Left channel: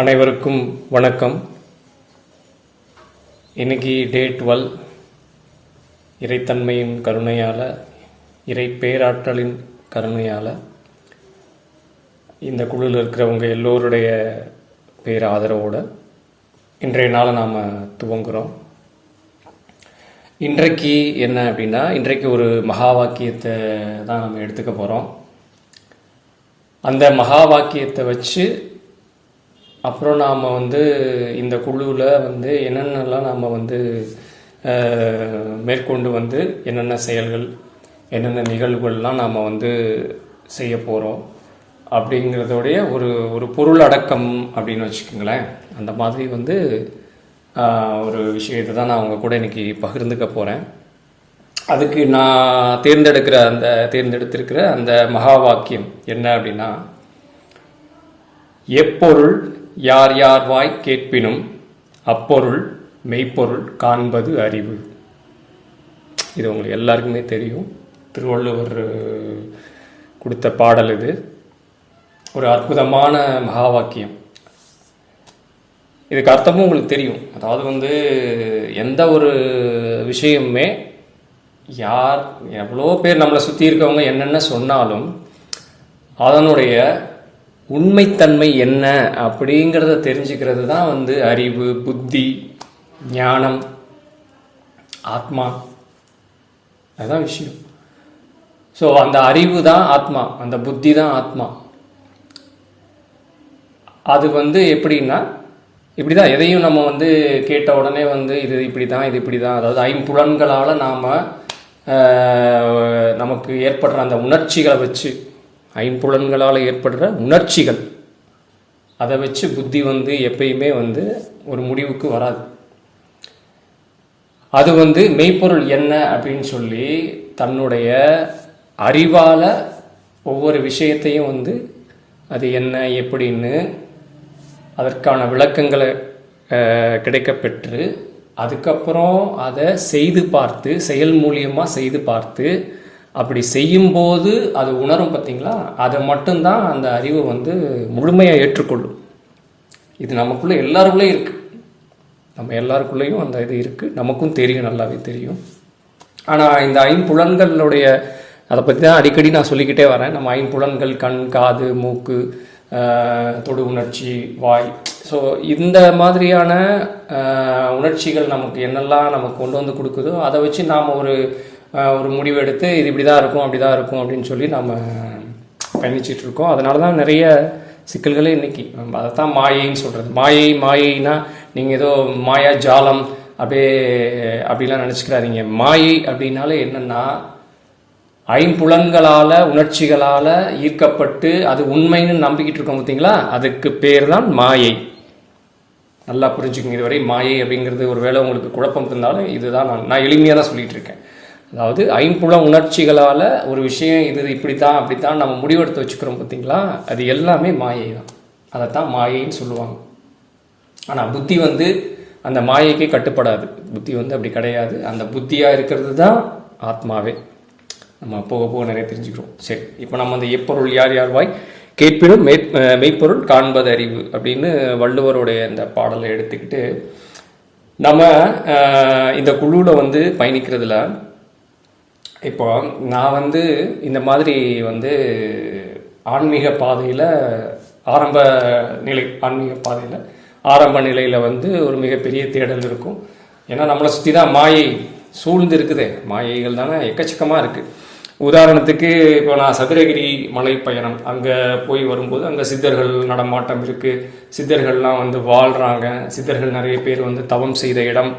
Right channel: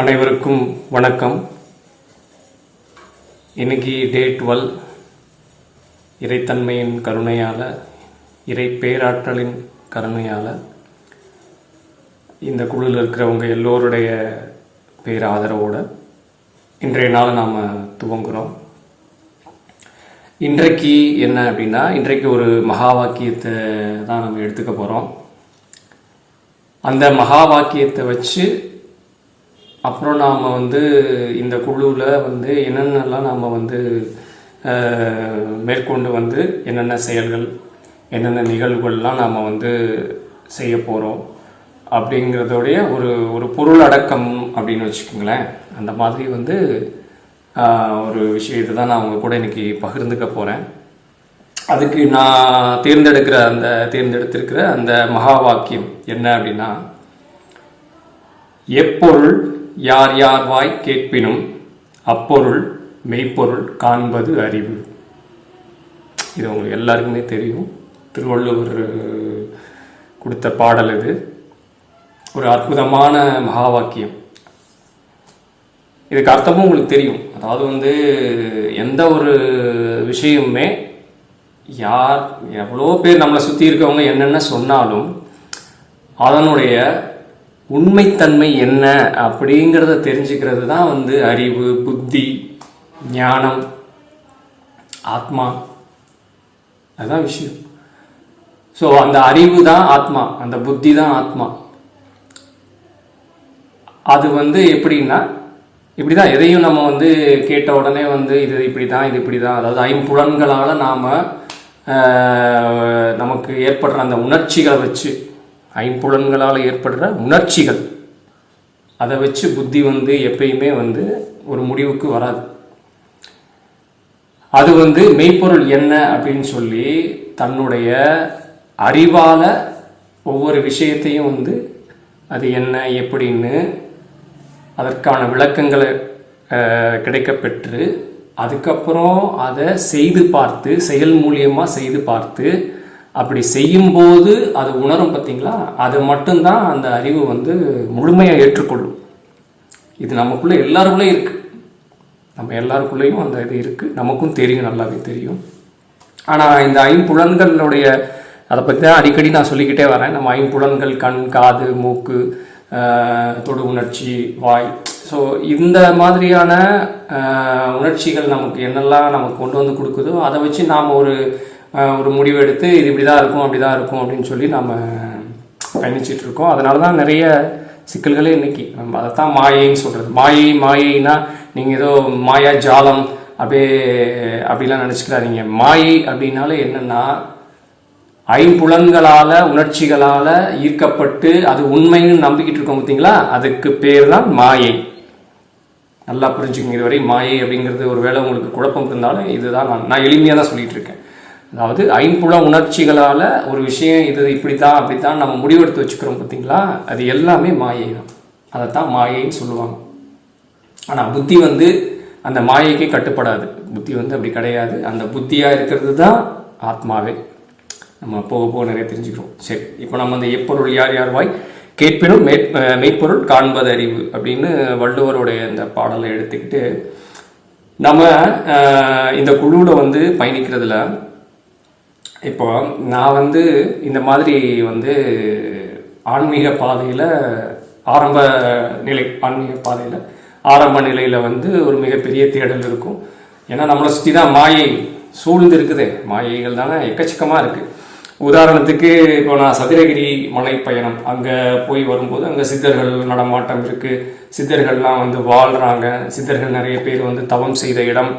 அனைவருக்கும் வணக்கம். இன்னைக்கு டே 12. இறைத்தன்மையின் கருணையால், இறை பேராற்றலின் கருணையால் இந்த குழுவில் இருக்கிறவங்க எல்லோருடைய பேர் ஆதரவோடு இன்றைய நாளை நாம் துவங்குகிறோம். இன்றைக்கு என்ன அப்படின்னா, இன்றைக்கு ஒரு மகா வாக்கியத்தை தான் நம்ம எடுத்துக்க போகிறோம். அந்த மகா வாக்கியத்தை வச்சு அப்புறம் நாம் இந்த குழுவில் என்னென்னலாம் நாம் மேற்கொண்டு என்னென்ன செயல்கள், என்னென்ன நிகழ்வுகள்லாம் நாம் செய்ய போகிறோம் அப்படிங்கிறதோடைய ஒரு பொருள் அடக்கம் அப்படின்னு வச்சுக்கோங்களேன். அந்த மாதிரி ஒரு விஷயத்தை தான் நான் அவங்க கூட இன்றைக்கி பகிர்ந்துக்க போகிறேன். அதுக்கு நான் தேர்ந்தெடுத்திருக்கிற அந்த மகா வாக்கியம் என்ன அப்படின்னா, எப்பொருள் யார் யார் வாய் கேட்பினும் அப்பொருள் மெய்ப்பொருள் காண்பது அறிவு. இது உங்களுக்கு எல்லாருக்குமே தெரியும். திருவள்ளுவர் கொடுத்த பாடல் இது. ஒரு அற்புதமான மகா வாக்கியம். இதுக்கு அர்த்தமும் உங்களுக்கு தெரியும். அதாவது எந்த ஒரு விஷயமுமே யார் எவ்வளோ பேர் நம்மளை சுற்றி இருக்கவங்க என்னென்ன சொன்னாலும் அதனுடைய உண்மைத்தன்மை என்ன அப்படிங்கிறத தெரிஞ்சுக்கிறது தான் அறிவு, புத்தி, ஞானம், ஆத்மா. அதுதான் விஷயம். ஸோ அந்த அறிவு தான் ஆத்மா, அந்த புத்தி தான் ஆத்மா. அது எப்படின்னா, இப்படி தான் எதையும் நம்ம கேட்ட உடனே இது இப்படி தான், இது இப்படி தான். அதாவது ஐம்புலன்களால் நாம் நமக்கு ஏற்படுற அந்த உணர்ச்சிகளை வச்சு, ஐம்புலன்களால் ஏற்படுற உணர்ச்சிகள், அதை வச்சு புத்தி எப்பயுமே ஒரு முடிவுக்கு வராது. அது மெய்ப்பொருள் என்ன அப்படின்னு சொல்லி தன்னுடைய அறிவால் ஒவ்வொரு விஷயத்தையும் அது என்ன எப்படின்னு அதற்கான விளக்கங்களை கிடைக்கப்பெற்று அதுக்கப்புறம் அதை செய்து பார்த்து, செயல் மூலியமாக செய்து பார்த்து, அப்படி செய்யும்போது அது உணரும். பார்த்தீங்களா, அதை மட்டும்தான் அந்த அறிவு முழுமையாக ஏற்றுக்கொள்ளும். இது நமக்குள்ளே எல்லாருக்குள்ளேயும் இருக்குது. நம்ம எல்லாருக்குள்ளேயும் அந்த இது இருக்குது. நமக்கும் தெரியும், நல்லாவே தெரியும். ஆனால் இந்த ஐம்புலன்களுடைய அதை பற்றி தான் அடிக்கடி நான் சொல்லிக்கிட்டே வரேன். நம்ம ஐம்புலன்கள் கண், காது, மூக்கு, தொடு உணர்ச்சி, வாய். ஸோ இந்த மாதிரியான உணர்ச்சிகள் நமக்கு என்னெல்லாம் நமக்கு கொண்டு கொடுக்குதோ அதை வச்சு நாம் ஒரு முடிவு எடுத்து இது இப்படி தான் இருக்கும், அப்படி தான் இருக்கும் அப்படின்னு சொல்லி நம்ம பயணிச்சிட்ருக்கோம். அதனால தான் நிறைய சிக்கல்களே இன்றைக்கி. அதைத்தான் மாயைன்னு சொல்கிறது. மாயைனா நீங்கள் ஏதோ மாயா ஜாலம் அப்படிலாம் நினச்சிக்கிறாதீங்க. மாயை அப்படின்னாலே என்னென்னா, ஐம்புலன்களால், உணர்ச்சிகளால் ஈர்க்கப்பட்டு அது உண்மைன்னு நம்பிக்கிட்டு இருக்கோம். பார்த்தீங்களா, அதுக்கு பேர் தான் மாயை. நல்லா புரிஞ்சுக்கோங்க. இதுவரை மாயை அப்படிங்கிறது ஒரு வேளை உங்களுக்கு குழப்பம் இருந்தாலும் இதுதான் நான் எளிமையாக தான் சொல்லிகிட்டு இருக்கேன். அதாவது ஐம்புல உணர்ச்சிகளால் ஒரு விஷயம் இது இப்படித்தான் அப்படித்தான் நம்ம முடிவெடுத்து வச்சுக்கிறோம். பார்த்தீங்களா, அது எல்லாமே மாயை தான். அதைத்தான் மாயைன்னு சொல்லுவாங்க. ஆனால் புத்தி அந்த மாயைக்கே கட்டுப்படாது. புத்தி அப்படி கிடையாது. அந்த புத்தியாக இருக்கிறது தான் ஆத்மாவே. நம்ம போக போக நிறைய தெரிஞ்சுக்கிறோம். சரி, இப்போ நம்ம எப்பொருள் யார் யார் வாய் கேட்பினும் மெய்ப்பொருள் காண்பது அறிவு அப்படின்னு வள்ளுவருடைய அந்த பாடலை எடுத்துக்கிட்டு நம்ம இந்த குழுவில் பயணிக்கிறதுல, இப்போ நான் இந்த மாதிரி ஆன்மீக பாதையில் ஆரம்ப நிலையில் ஒரு மிகப்பெரிய தேடல் இருக்கும். ஏன்னா நம்மளை சுற்றி தான் மாயை சூழ்ந்து இருக்குது. மாயைகள் தானே எக்கச்சக்கமாக இருக்குது. உதாரணத்துக்கு இப்போ நான் சதுரகிரி மலை பயணம் அங்கே போய் வரும்போது அங்கே சித்தர்கள் நடமாட்டம் இருக்குது. சித்தர்கள்லாம் வாழ்கிறாங்க. சித்தர்கள் நிறைய பேர் தவம் செய்த இடம்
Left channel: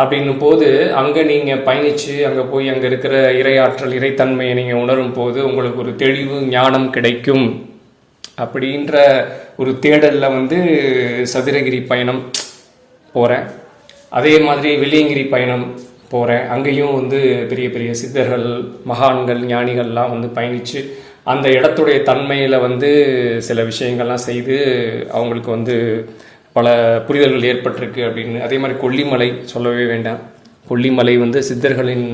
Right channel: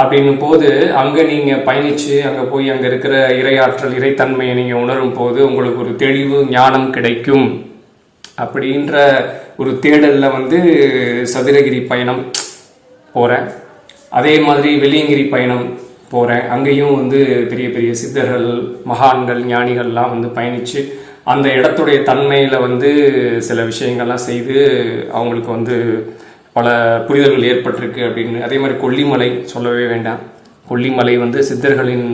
அப்படின்னும் போது அங்கே நீங்கள் பயணித்து அங்கே போய் அங்கே இருக்கிற இறையாற்றல், இறைத்தன்மையை நீங்கள் உணரும் போது உங்களுக்கு ஒரு தெளிவு, ஞானம் கிடைக்கும். அப்படின்ற ஒரு தேடலில் சதுரகிரி பயணம் போகிறேன். அதே மாதிரி வெள்ளியங்கிரி பயணம் போகிறேன். அங்கேயும் பெரிய பெரிய சித்தர்கள், மகான்கள், ஞானிகள்லாம் பயணித்து அந்த இடத்துடைய தன்மையில் சில விஷயங்கள்லாம் செய்து அவங்களுக்கு பல புரிதல்கள் ஏற்பட்டிருக்கு அப்படின்னு. அதே மாதிரி கொல்லிமலை சொல்லவே வேண்டாம். கொல்லிமலை சித்தர்களின்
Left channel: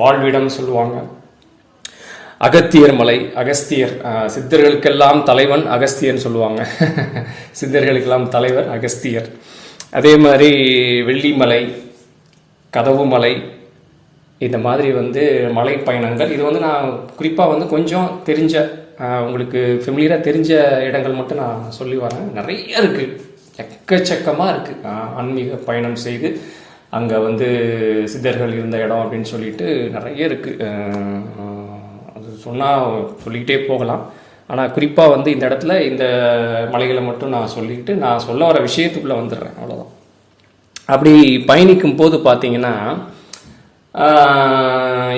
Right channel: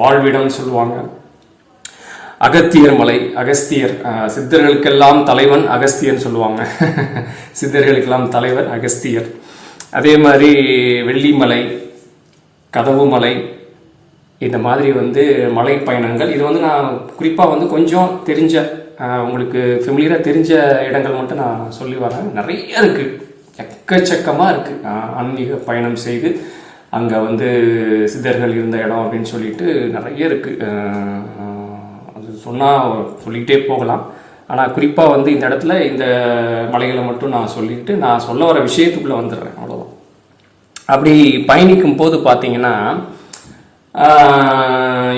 வாழ்விடம் சொல்லுவாங்க. அகத்தியர் மலை, அகஸ்தியர், சித்தர்களுக்கெல்லாம் தலைவன் அகஸ்தியர்னு சொல்லுவாங்க. சித்தர்களுக்கெல்லாம் தலைவர் அகஸ்தியர். அதே மாதிரி வெள்ளிமலை, கதவு மலை, இந்த மாதிரி வந்து மலை பயணங்கள். இது வந்து நான் குறிப்பாக வந்து கொஞ்சம் தெரிஞ்ச, உங்களுக்கு ஃபெமிலியராக தெரிஞ்ச இடங்கள் மட்டும் நான் சொல்லி வரேன். நிறைய இருக்குது, எக்கச்சக்கமாக இருக்குது. ஆன்மீக பயணம் செய்து அங்கே வந்து சித்தர்கள் இருந்த இடம் அப்படின்னு சொல்லிட்டு நிறைய இருக்குது. அது சொன்னால் சொல்லிக்கிட்டே போகலாம். ஆனால் குறிப்பாக வந்து இந்த இடத்துல இந்த மலைகளை மட்டும் நான் சொல்லிட்டு நான் சொல்ல வர விஷயத்துக்குள்ளே வந்துடுறேன், அவ்வளோதான். அப்படி பயணிக்கும் போது பார்த்தீங்கன்னா,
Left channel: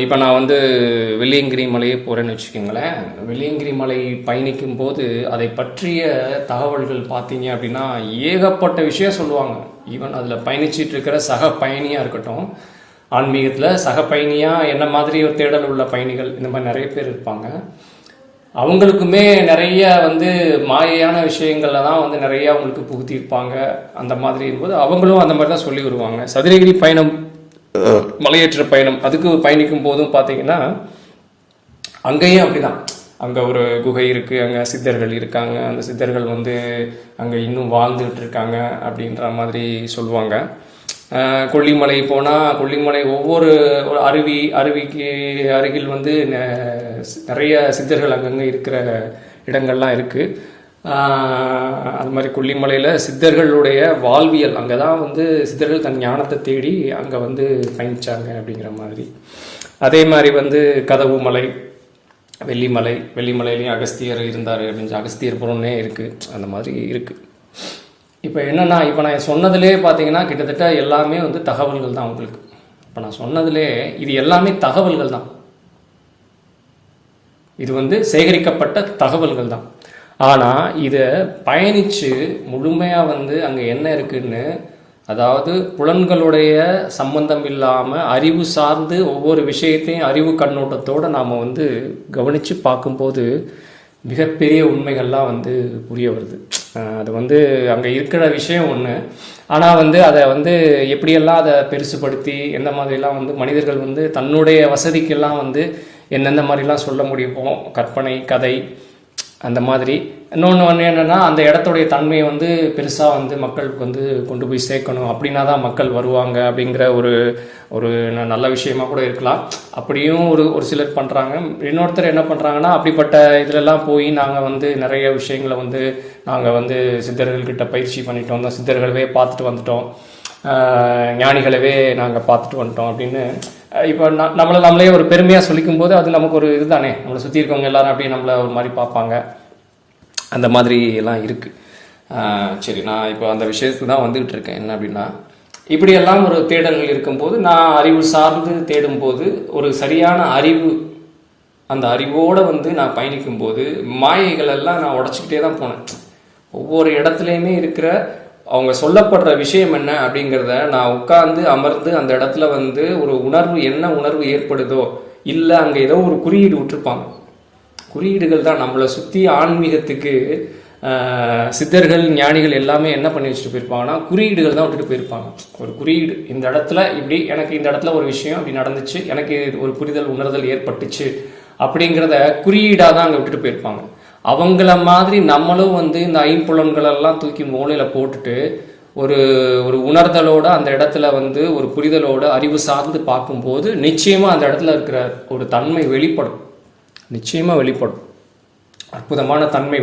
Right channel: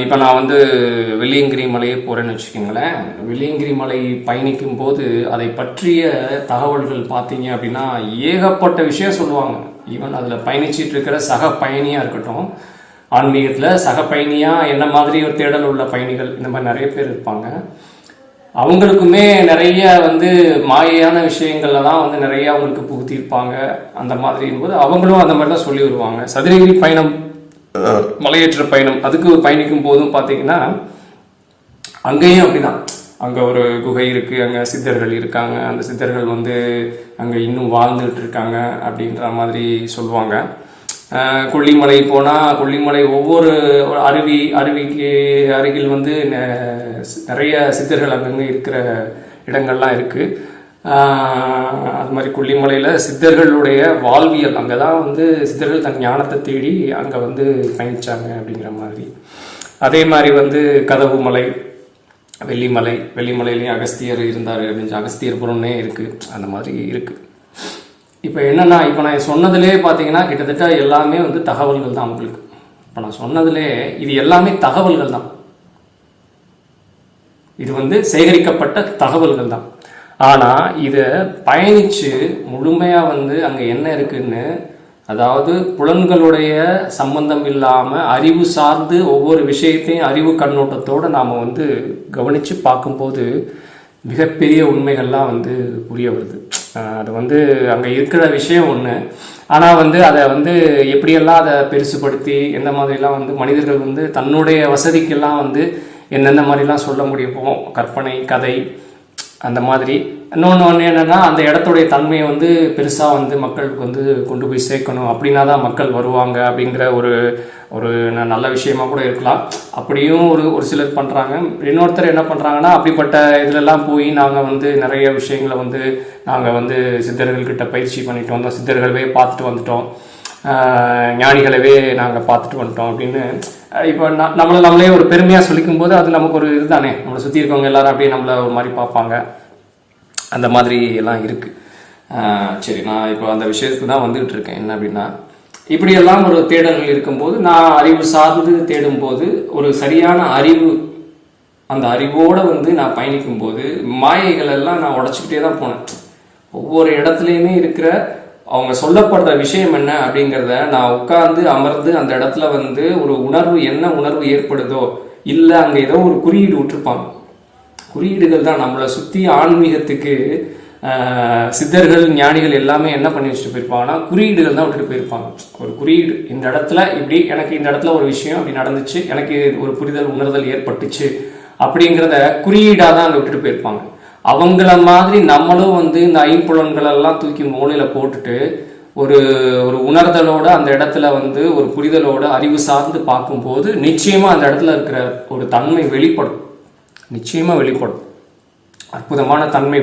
இப்போ நான் வந்து வெள்ளியங்கிரி மலையே போகிறேன்னு வச்சுக்கோங்களேன். வெள்ளியங்கிரி மலை பயணிக்கும் போது அதை பற்றிய தகவல்கள் பார்த்தீங்க அப்படின்னா ஏகப்பட்ட விஷயம் சொல்லுவாங்க. ஈவன் அதில் பயணிச்சிட்டு இருக்கிற சக பயணியாக இருக்கட்டும், ஆன்மீகத்தில் சக பயணியாக என்ன மாதிரி ஒரு தேடல் உள்ள பயணிகள் இந்த மாதிரி நிறைய பேர் இருப்பாங்க. அவங்களுக்குமே நிறைய வந்து மாயையான விஷயங்கள்ல தான் வந்து நிறைய அவங்களுக்கு புகுத்திருப்பாங்க. அந்த மாதிரி இருக்கும்போது அவங்களும் அந்த மாதிரி தான் சொல்லி வருவாங்க. சதுரகிரி பயணம், மலையேற்ற பயணம், அதுக்கு பயணிக்கும் போதும் பார்த்தீங்கன்னா அங்கேயும் அப்படிதான். அங்கே ஒரு குகை இருக்குது, அங்கே சித்தர்கள் இருக்காங்க, அந்த சித்தர்கள் வந்து அங்கே இன்னும் வாழ்ந்துகிட்டு இருக்காங்க அப்படின்ற மாதிரி சொல்லுவாங்க. கொல்லிமலை போனால் கொல்லிமலை ஒவ்வொரு அருவிக்கு அருகில் வந்து நிறைய சித்தர்கள் அங்கங்கே இருக்கிற இடங்கள்லாம் இருக்குது. அது மாதிரி கொல்லிமலையில் சித்தர்களுடைய வாழ்வியல், அங்கே தான் வந்து சித்தர்கள் தன் ஞானத்தை தேடி அங்கே வந்து பயணித்தாங்க அப்படிங்கிற மாதிரி. அதே மாதிரி வந்து கதவு மலை, வெள்ளிமலையிலையும் அகஸ்தியர் இருந்தார் அப்படின்னு அகஸ்தியர்புரம்னே இருக்குது, அந்த மாதிரி இருக்குது. இப்போ என்னென்னா, இப்போ நான் சொன்னதுலே பார்த்தீங்கன்னா கிட்டத்தட்ட எல்லாமே வந்து தகவல்கள் தான் உங்களுக்கு. இப்போ நான் சொன்னதுலே இது எல்லாமே தகவல்கள் தான், இது வந்து சேகரிக்கப்பட்ட தகவல்கள் தான். ஆனால் இதை பயணித்து முழுமையாக வந்து அங்கே என்ன இருக்குன்னு, அதாவது புலன்களுடைய சம்பந்தம் இல்லாமல் அறிவு சார்ந்து ஒவ்வொரு விஷயத்தையும் அறிவு கண்ணோட்டத்தோடு நாம் வந்து கவனித்து பார்க்கும்போது மிகப்பெரிய உண்மைகள்லாம் வந்து புரிய வருது. அது வந்து அங்கே இருக்கிற விஷயம் ஒன்று, ஆனால் வந்து அதை வந்து எப்படியெல்லாம் அதை பெருசுப்படுத்தி எந்த மாதிரிலாம் வந்து மனிதர்கள் வந்து தன்னுடைய வசதிக்கெல்லாம் வந்து எந்தெந்த மாதிரிலாம் சொல்ல முடியுமோ, கற்பனை கதை அந்த மாதிரி. இன்னொன்று என்னென்னா, அந்த இடத்துடைய தன்மையை வந்து பெருசாக வந்து மக்களுக்கு வந்து கொண்டு போய் சேர்க்கணும், அப்படின்னா தான் மக்கள் வருவாங்க அப்படிங்கிற ஒரு நல்ல விஷயமா கூட இருக்கலாம். அப்படியும் ஒரு சிலர் பண்ணுறாங்க. இன்னொருத்தர் என்ன பண்ணுறாங்கன்னா, அப்படிப்பட்ட இதிலெல்லாம் போய் நாங்கள் வந்து நிறைய விஷயங்களை வந்து நாங்கள் வந்து சித்தர்கள்கிட்ட பயிற்சி பண்ணிட்டு வந்தோம், சித்தர்களவே பார்த்துட்டு வந்துட்டோம், ஞானிகளவே நாங்கள் பார்த்துட்டு வந்துட்டோம் அப்படின்னு. இப்போ நம்மளே ஒரு பெருமையாக சொல்லிக்கும் போது அது நமக்கு ஒரு இதுதானே, நம்மளை சுற்றி இருக்கவங்க எல்லாரும் அப்படியே நம்மளை ஒரு மாதிரி பார்ப்பாங்க, அந்த மாதிரி எல்லாம் இருக்குது. சரி, நான் இப்போ அந்த விஷயத்துக்கு தான் வந்துகிட்டு இருக்கேன். என்ன அப்படின்னா, இப்படியெல்லாம் ஒரு தேடல்கள் இருக்கும்போது, நான் அறிவு சார்ந்து தேடும்போது ஒரு சரியான அறிவு, அந்த அறிவோடு வந்து நான் பயணிக்கும்போது மாயைகள் எல்லாம் நான் உடச்சிக்கிட்டே தான் போனேன். ஒவ்வொரு இடத்துலையுமே இருக்கிற அவங்க சொல்லப்படுற விஷயம் என்ன அப்படிங்கிறத நான் உட்கார்ந்து அமர்ந்து அந்த இடத்துல வந்து ஒரு உணர்வு, என்ன உணர்வு ஏற்படுதோ, இல்லை அங்கே ஏதோ ஒரு குறியீடு விட்டுருப்பாங்க. குறியீடுகள் தான் நம்மளை சுற்றி. ஆன்மீகத்துக்கு சித்தர்கள் ஞானிகள் எல்லாமே என்ன பண்ணி வச்சுட்டு போயிருப்பாங்கன்னா குறியீடுகள் தான் விட்டுட்டு போயிருப்பாங்க. ஒரு குறியீடு, இந்த இடத்துல இப்படி எனக்கு இந்த இடத்துல ஒரு விஷயம் அப்படி நடந்துச்சு, எனக்கு ஒரு புரிதல் உணர்தல் ஏற்பட்டுச்சு அப்படிங்கிறத குறியீடாக தான் அங்கே விட்டுட்டு போயிருப்பாங்க. அவங்கள மாதிரி நம்மளும் வந்து இந்த ஐம்புலன்களெல்லாம் தூக்கி மூலையில் போட்டுட்டு ஒரு உணர்தலோட அந்த இடத்துல வந்து ஒரு புரிதலோட அறிவு சார்ந்து பார்க்கும்போது நிச்சயமாக அந்த இடத்துல இருக்கிற ஒரு தன்மை வெளிப்படும், நிச்சயமாக வெளிப்படும். அற்புதமான தன்மை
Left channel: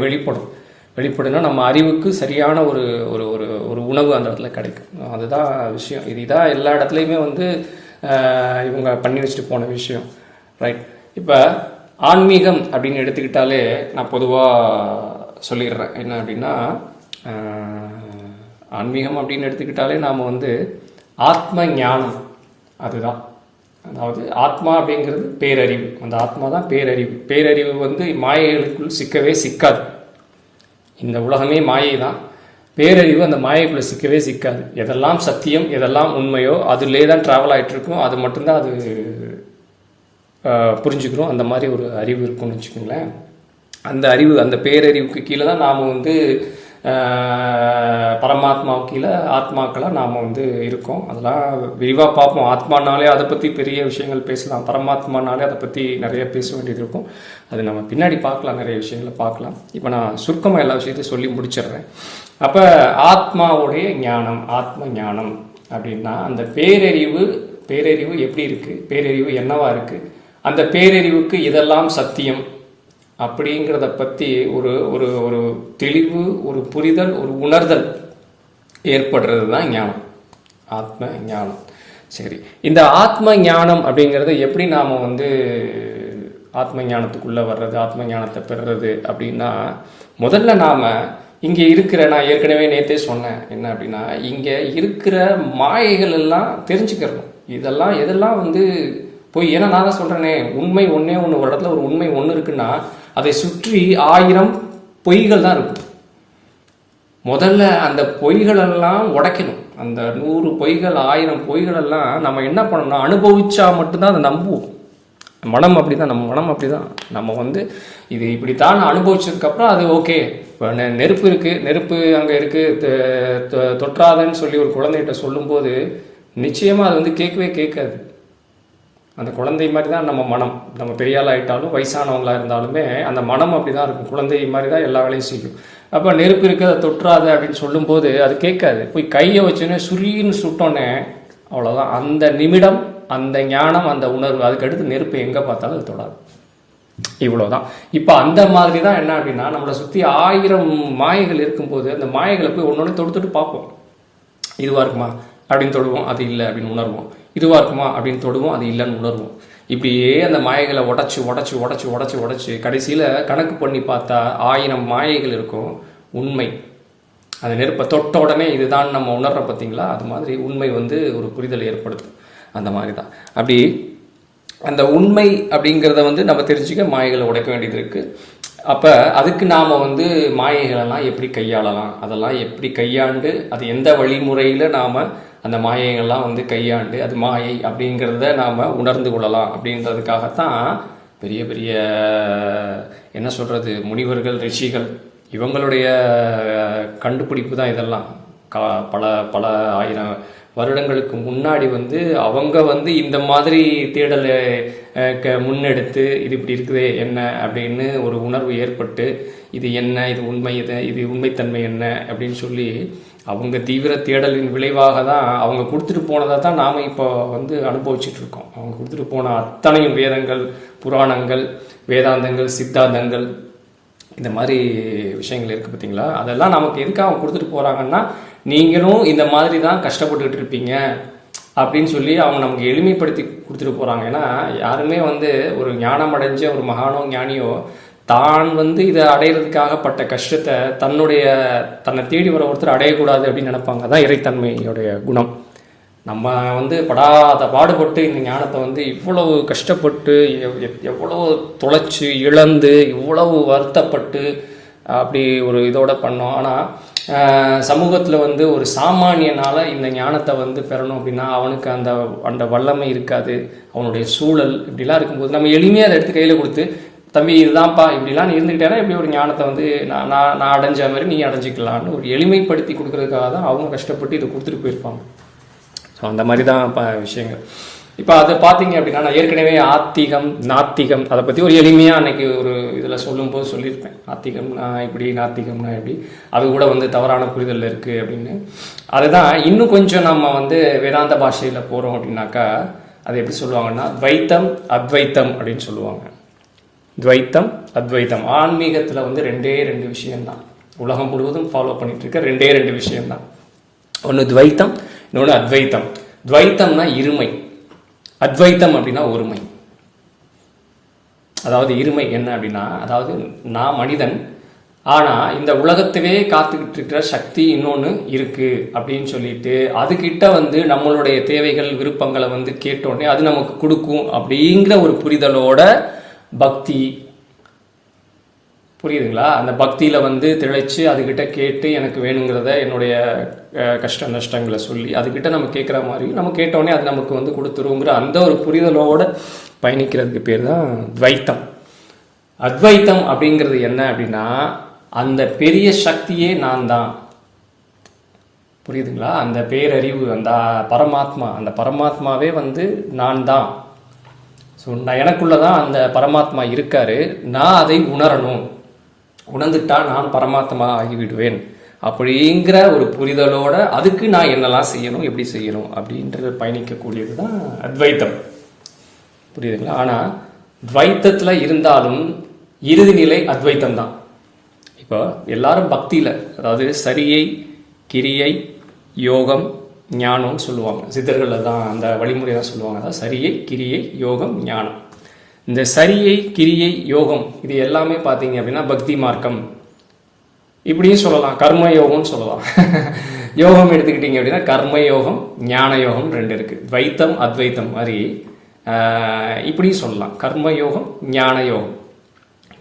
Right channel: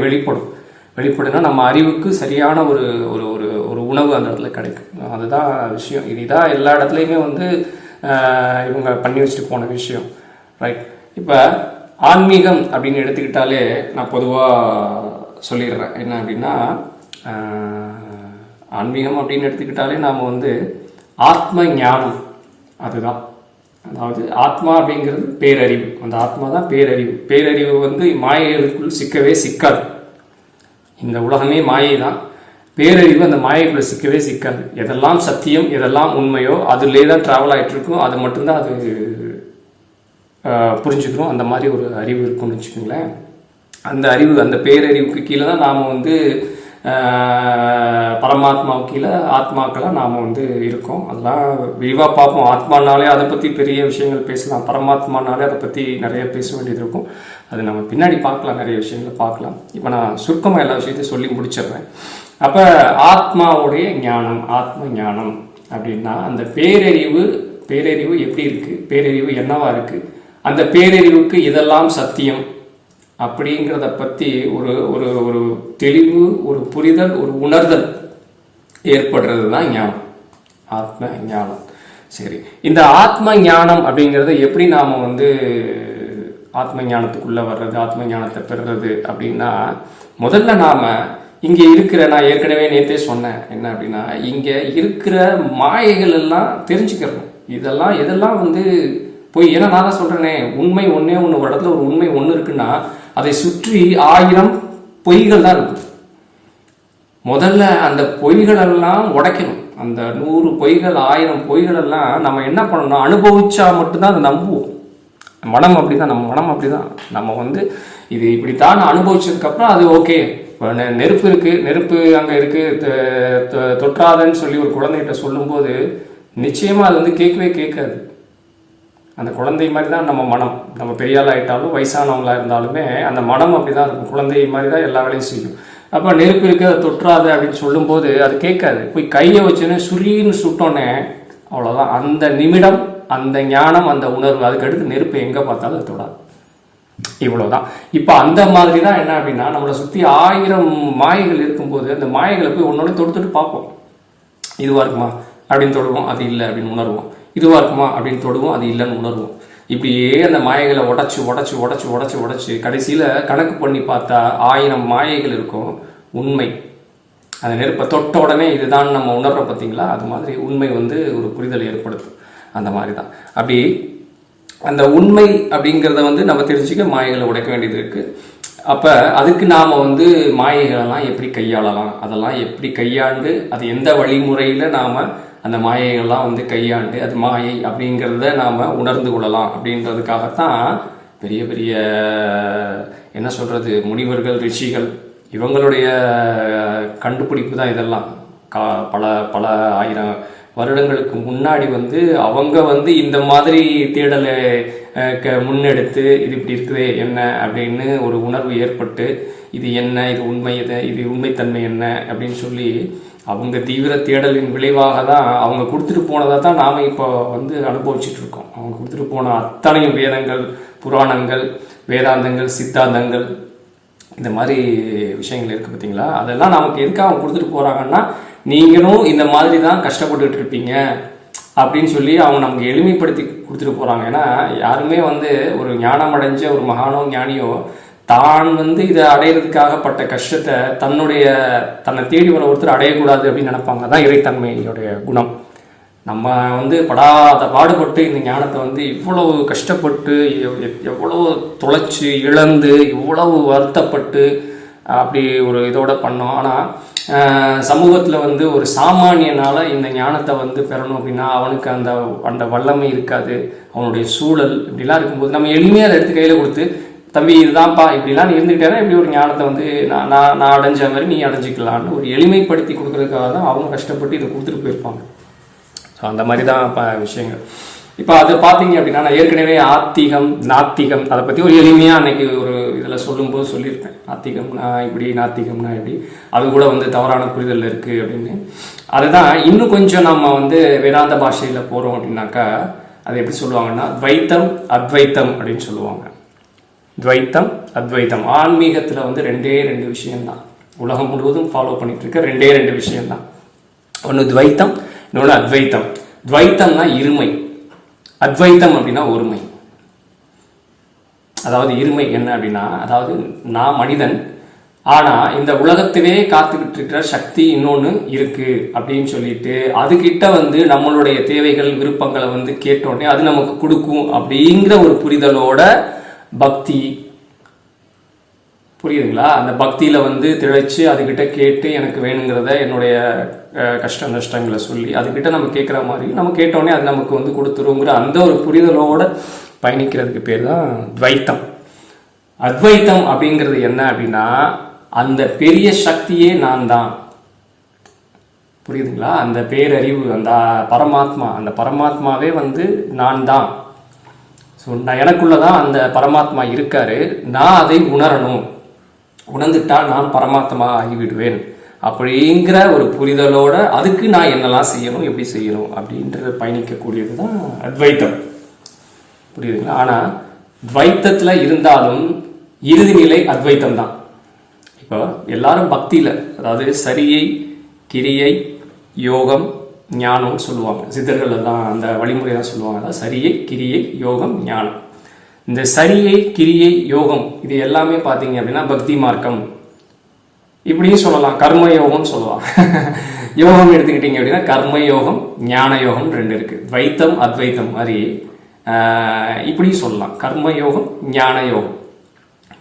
வெளிப்படுனா நம்ம அறிவுக்கு சரியான ஒரு ஒரு உணவு அந்த இடத்துல கிடைக்கும். அதுதான் விஷயம். இதுதான் எல்லா இடத்துலையுமே வந்து இவங்க பண்ணி வச்சுட்டு போன விஷயம், ரைட்? இப்போ ஆன்மீகம் அப்படின்னு எடுத்துக்கிட்டாலே நான் பொதுவாக சொல்லிடுறேன் என்ன அப்படின்னா, ஆன்மீகம் அப்படின்னு எடுத்துக்கிட்டாலே நாம் வந்து ஆத்ம ஞானம், அதுதான். அதாவது ஆத்மா அப்படிங்கிறது பேரறிவு, அந்த ஆத்மா தான் பேரறிவு. பேரறிவு வந்து மாயைகளுக்குள் சிக்கவே சிக்காது. இந்த உலகமே மாயை தான். பேரறிவு அந்த மாயைக்குள்ளே சிக்கவே சிக்காது. எதெல்லாம் சத்தியம், எதெல்லாம் உண்மையோ அதிலே தான் ட்ராவல் ஆகிட்டு இருக்கும். அது மட்டும்தான் அது புரிஞ்சுக்கிறோம். அந்த மாதிரி ஒரு அறிவு இருக்குன்னு வச்சுக்கோங்களேன். அந்த அறிவு, அந்த பேரறிவுக்கு கீழே தான் நாம் வந்து பரமாத்மாவுக்கு கீழே ஆத்மாக்களாக நாம் வந்து இருக்கோம். அதெல்லாம் விரிவாக பார்ப்போம். ஆத்மானாலே அதை பற்றி பெரிய விஷயங்கள் பேசலாம், பரமாத்மானாலே அதை பற்றி நிறைய பேச வேண்டியது இருக்கும். அது நம்ம பின்னாடி பார்க்கலாம், நிறைய விஷயங்களை பார்க்கலாம். இப்போ நான் சுருக்கமாக எல்லா விஷயத்தையும் சொல்லி முடிச்சிடுறேன். அப்போ ஆத்மாவுடைய ஞானம், ஆத்ம ஞானம் அப்படின்னா அந்த பேரறிவு எப்படி இருக்குது, பேரறிவு என்னவா இருக்குது, அந்த பேரறிவுக்கு இதெல்லாம் சத்தியம் அப்படிங்கிறத பற்றி ஒரு ஒரு ஒரு தெளிவு, ஒரு புரிதல், ஒரு உணர்தல் ஏற்படுறது தான் ஞானம், ஆத்ம ஞானம். சரி, இந்த ஆத்ம ஞானம் அப்படிங்கிறத எப்படி நாம் வந்து ஆத்ம ஞானத்துக்குள்ளே வர்றது, ஆத்ம ஞானத்தை பெறுறது அப்படின்னா, முதல்ல நாம் இங்கே இருக்கிற, நான் ஏற்கனவே நேற்றே சொன்னேன் என்ன அப்படின்னா, இங்கே இருக்கிற மாயைகள் எல்லாம் தெரிஞ்சுக்கிறணும். எதெல்லாம் வந்து போய், ஏன்னா நான் தான் சொல்கிறேனே, உண்மை ஒன்றே ஒன்று, ஒரு இடத்துல ஒரு உண்மை ஒன்று இருக்குன்னா அதை சுற்றி 1000 பொய்கள் தான் இருக்கு. முதல்ல அந்த பொய்களெல்லாம் உடைக்கணும். அந்த 100 பொய்கள் 1000 பொய்களெல்லாம் நம்ம என்ன பண்ணணும், அனுபவிச்சா மட்டும்தான் அதை நம்புவோம். மனம் அப்படிதான், நம்ம மனம் அப்படிதான். நம்ம வந்து இது இப்படித்தான் அனுபவிச்சதுக்கப்புறம் அது ஓகே. இப்போ நெருப்பு இருக்குது, நெருப்பு அங்கே இருக்குது, தொற்றாதன்னு சொல்லி ஒரு குழந்தைகிட்ட சொல்லும்போது நிச்சயமாக அது வந்து கேட்காது. அந்த குழந்தை மாதிரி தான் நம்ம மனம். நம்ம பெரியாள் ஆகிட்டாலும் வயசானவங்களாக இருந்தாலுமே அந்த மனம் அப்படி தான் இருக்கும். குழந்தை மாதிரி தான் எல்லா வேலையும் செய்யும். அப்போ நெருப்பு இருக்குது, அதை தொற்றாது அப்படின்னு சொல்லும்போது அது கேட்காது. போய் கையை வச்சோன்னே சுரின்னு சுட்டோன்னே அவ்வளோதான். அந்த நிமிடம் அந்த ஞானம், அந்த உணர்வு, அதுக்கடுத்து நெருப்பு எங்கே பார்த்தாலும் அது தொடாது. இவ்வளோதான். இப்போ அந்த மாதிரி தான் என்ன அப்படின்னா, நம்மளை சுற்றி 1000 மாயைகள் இருக்கும்போது அந்த மாயைகளை போய் ஒன்று தொடுத்துட்டு பார்ப்போம். இதுவாக இருக்குமா அப்படின்னு தொடுவோம், அது இல்லை அப்படின்னு உணர்வோம். இதுவாக இருக்குமா அப்படின்னு தொடுவோம், அது இல்லைன்னு உணர்வோம். இப்படியே அந்த மாயைகளை உடச்சி கடைசியில் கணக்கு பண்ணி பார்த்தா 1000 மாயைகள் இருக்கும். உண்மை அந்த நெருப்பை தொட்ட உடனே இதுதான் நம்ம உணர்ற பார்த்தீங்களா, அது மாதிரி உண்மை வந்து ஒரு புரிதல் ஏற்படுத்தும். அந்த மாதிரி தான். அப்படி அந்த உண்மை அப்படிங்கிறத வந்து நம்ம தெரிஞ்சுக்க மாயைகளை உடைக்க வேண்டியது இருக்குது. அப்போ அதுக்கு நாம் வந்து மாயைகளெல்லாம் எப்படி கையாளலாம், அதெல்லாம் எப்படி கையாண்டு, அது எந்த வழிமுறையில் நாம் அந்த மாயைகள்லாம் வந்து கையாண்டு அது மாயை அப்படிங்கிறத நாம் உணர்ந்து கொள்ளலாம் அப்படின்றதுக்காகத்தான் பெரிய பெரிய என்ன சொல்கிறது, முனிவர்கள், ரிஷிகள், இவங்களுடைய கண்டுபிடிப்பு தான் இதெல்லாம். பல பல 1000 வருடங்களுக்கு முன்னாடி வந்து அவங்க வந்து இந்த மாதிரி தேடலை முன்னெடுத்து இது இப்படி இருக்குதே என்ன அப்படின்னு ஒரு உணர்வு ஏற்பட்டு, இது என்ன, இது உண்மை, இது உண்மைத்தன்மை என்ன அப்படின்னு சொல்லி அவங்க தீவிர தேடலின் விளைவாக தான் அவங்க கொடுத்துட்டு போனதாக தான் நாம் இப்போ வந்து அனுபவிச்சுட்டு இருக்கோம். அவங்க கொடுத்துட்டு போன அத்தனையும் வேதங்கள், புராணங்கள், வேதாந்தங்கள், சித்தாந்தங்கள், இந்த மாதிரி விஷயங்கள் இருக்குது பார்த்தீங்களா. அதெல்லாம் நமக்கு எதுக்காக அவங்க கொடுத்துட்டு போகிறாங்கன்னா, நீங்களும் இந்த மாதிரி தான் கஷ்டப்பட்டுக்கிட்டு இருப்பீங்க அப்படின்னு சொல்லி அவங்க நமக்கு எளிமைப்படுத்தி கொடுத்துட்டு போகிறாங்க. ஏன்னா யாருமே வந்து ஒரு ஞானம் அடைஞ்ச ஒரு மகானோ ஞானியோ தான் வந்து இதை அடையிறதுக்காக பட்ட கஷ்டத்தை தன்னை தேடி வர ஒருத்தர் அடையக்கூடாது அப்படின்னு நினைப்பாங்க. அதான் இறைத்தன்மையோடைய குணம். நம்ம வந்து படாத பாடுபட்டு இந்த ஞானத்தை வந்து இவ்வளவு கஷ்டப்பட்டு, எவ்வளவு தொலைச்சி இழந்து, இவ்வளவு வருத்தப்பட்டு அப்படி ஒரு இதோட பண்ணோம். ஆனால் சமூகத்தில் வந்து ஒரு சாமானியனால் இந்த ஞானத்தை வந்து பெறணும் அப்படின்னா அவனுக்கு அந்த வல்லமை இருக்காது. அவனுடைய சூழல் இப்படிலாம் இருக்கும்போது நம்ம எளிமையாக அதை எடுத்து கையில் கொடுத்து, தம்பி இதுதான்ப்பா, இப்படிலாம் நீ இருந்துக்கிட்டேன்னா இப்படி ஒரு ஞானத்தை வந்து நான் அடைஞ்ச மாதிரி நீ அடைஞ்சிக்கலான்னு ஒரு எளிமைப்படுத்தி கொடுக்கறதுக்காக தான் அவங்க கஷ்டப்பட்டு இதை கொடுத்துட்டு போயிருப்பாங்க. ஸோ அந்த மாதிரி தான் விஷயங்கள். இப்போ அதை பார்த்தீங்க அப்படின்னா, நான் ஏற்கனவே ஆத்திகம், நாத்திகம் அதை பற்றி ஒரு எளிமையாக அன்னைக்கு ஒரு இதில் சொல்லும்போது சொல்லியிருப்பேன். ஆத்திகம்னா இப்படி, நாத்திகம்னா இப்படி, அது கூட வந்து தவறான புரிதல் இருக்குது அப்படின்னு. அதுதான் இன்னும் கொஞ்சம் நம்ம வந்து வேதாந்த பாஷையில் போகிறோம் அப்படின்னாக்கா அது எப்படி சொல்லுவாங்கன்னா, துவைத்தம் அத்வைத்தம் அப்படின்னு சொல்லுவாங்க. துவைத்தம் அத்வைத்தம் ஆன்மீகத்தில் வந்து 2 விஷயம்தான். உலகம் முழுவதும் ஃபாலோ பண்ணிட்டு இருக்க 2 விஷயம்தான். ஒன்று துவைத்தம், இன்னொன்று அத்வைத்தம். துவைத்தம்னா இருமை, அத்வைத்தம் அப்படின்னா ஒருமை. அதாவது இருமை என்ன அப்படின்னா, அதாவது நான் மனிதன், ஆனால் இந்த உலகத்திலே காத்துக்கிட்டு இருக்கிற சக்தி இன்னொன்று இருக்குது அப்படின்னு சொல்லிட்டு அதுக்கிட்ட வந்து நம்மளுடைய தேவைகள், விருப்பங்களை வந்து கேட்டோடனே அது நமக்கு கொடுக்கும் அப்படிங்கிற ஒரு புரிதலோட பக்தி, புரியுதுங்களா? அந்த பக்தியில் வந்து திளைச்சு அதுக்கிட்ட கேட்டு எனக்கு வேணுங்கிறத, என்னுடைய கஷ்ட நஷ்டங்களை சொல்லி அதுக்கிட்ட நம்ம கேட்குற மாதிரி நம்ம கேட்டோடனே அது நமக்கு வந்து கொடுத்துருவோங்கிற அந்த ஒரு புரிதலோடு பயணிக்கிறதுக்கு பேர் தான் துவைத்தம். அத்வைத்தம் அப்படிங்கிறது என்ன அப்படின்னா, அந்த பெரிய சக்தியே நான் தான். புரியுதுங்களா? அந்த பேரறிவு, அந்த பரமாத்மா, அந்த பரமாத்மாவே வந்து நான் தான். ஸோ எனக்குள்ளதான் அந்த பரமாத்மா இருக்காரு. நான் அதை உணரணும். உணர்ந்துட்டா நான் பரமாத்மா ஆகிவிடுவேன் அப்படிங்கிற ஒரு புரிதலோட அதுக்கு நான் என்னெல்லாம் செய்யணும், எப்படி செய்யணும் அப்படின்ற பயணிக்கக்கூடியது தான் அத்வைத்தம். புரியுதுங்களா? ஆனால் துவைத்தத்தில் இருந்தாலும் இறுதிநிலை அத்வைத்தம் தான். இப்போ எல்லாரும் பக்தியில், அதாவது சரியை, கிரியை, யோகம், ஞானம் சொல்லுவாங்க. சித்தர்கள் தான் அந்த வழிமுறை தான் சொல்லுவாங்க. அதாவது சரியை, கிரியை, யோகம், ஞானம். இந்த சரியை, கிரியை, யோகம் இது எல்லாமே பார்த்தீங்க அப்படின்னா பக்தி மார்க்கம் இப்படியும் சொல்லலாம். கர்ம யோகம்னு சொல்லலாம். யோகம் எடுத்துக்கிட்டீங்க அப்படின்னா கர்ம யோகம், ஞான யோகம் 2 இருக்கு. துவைத்தம் அத்வைத்தம் மாதிரி இப்படியும் சொல்லலாம். கர்ம யோகம், ஞான யோகம்.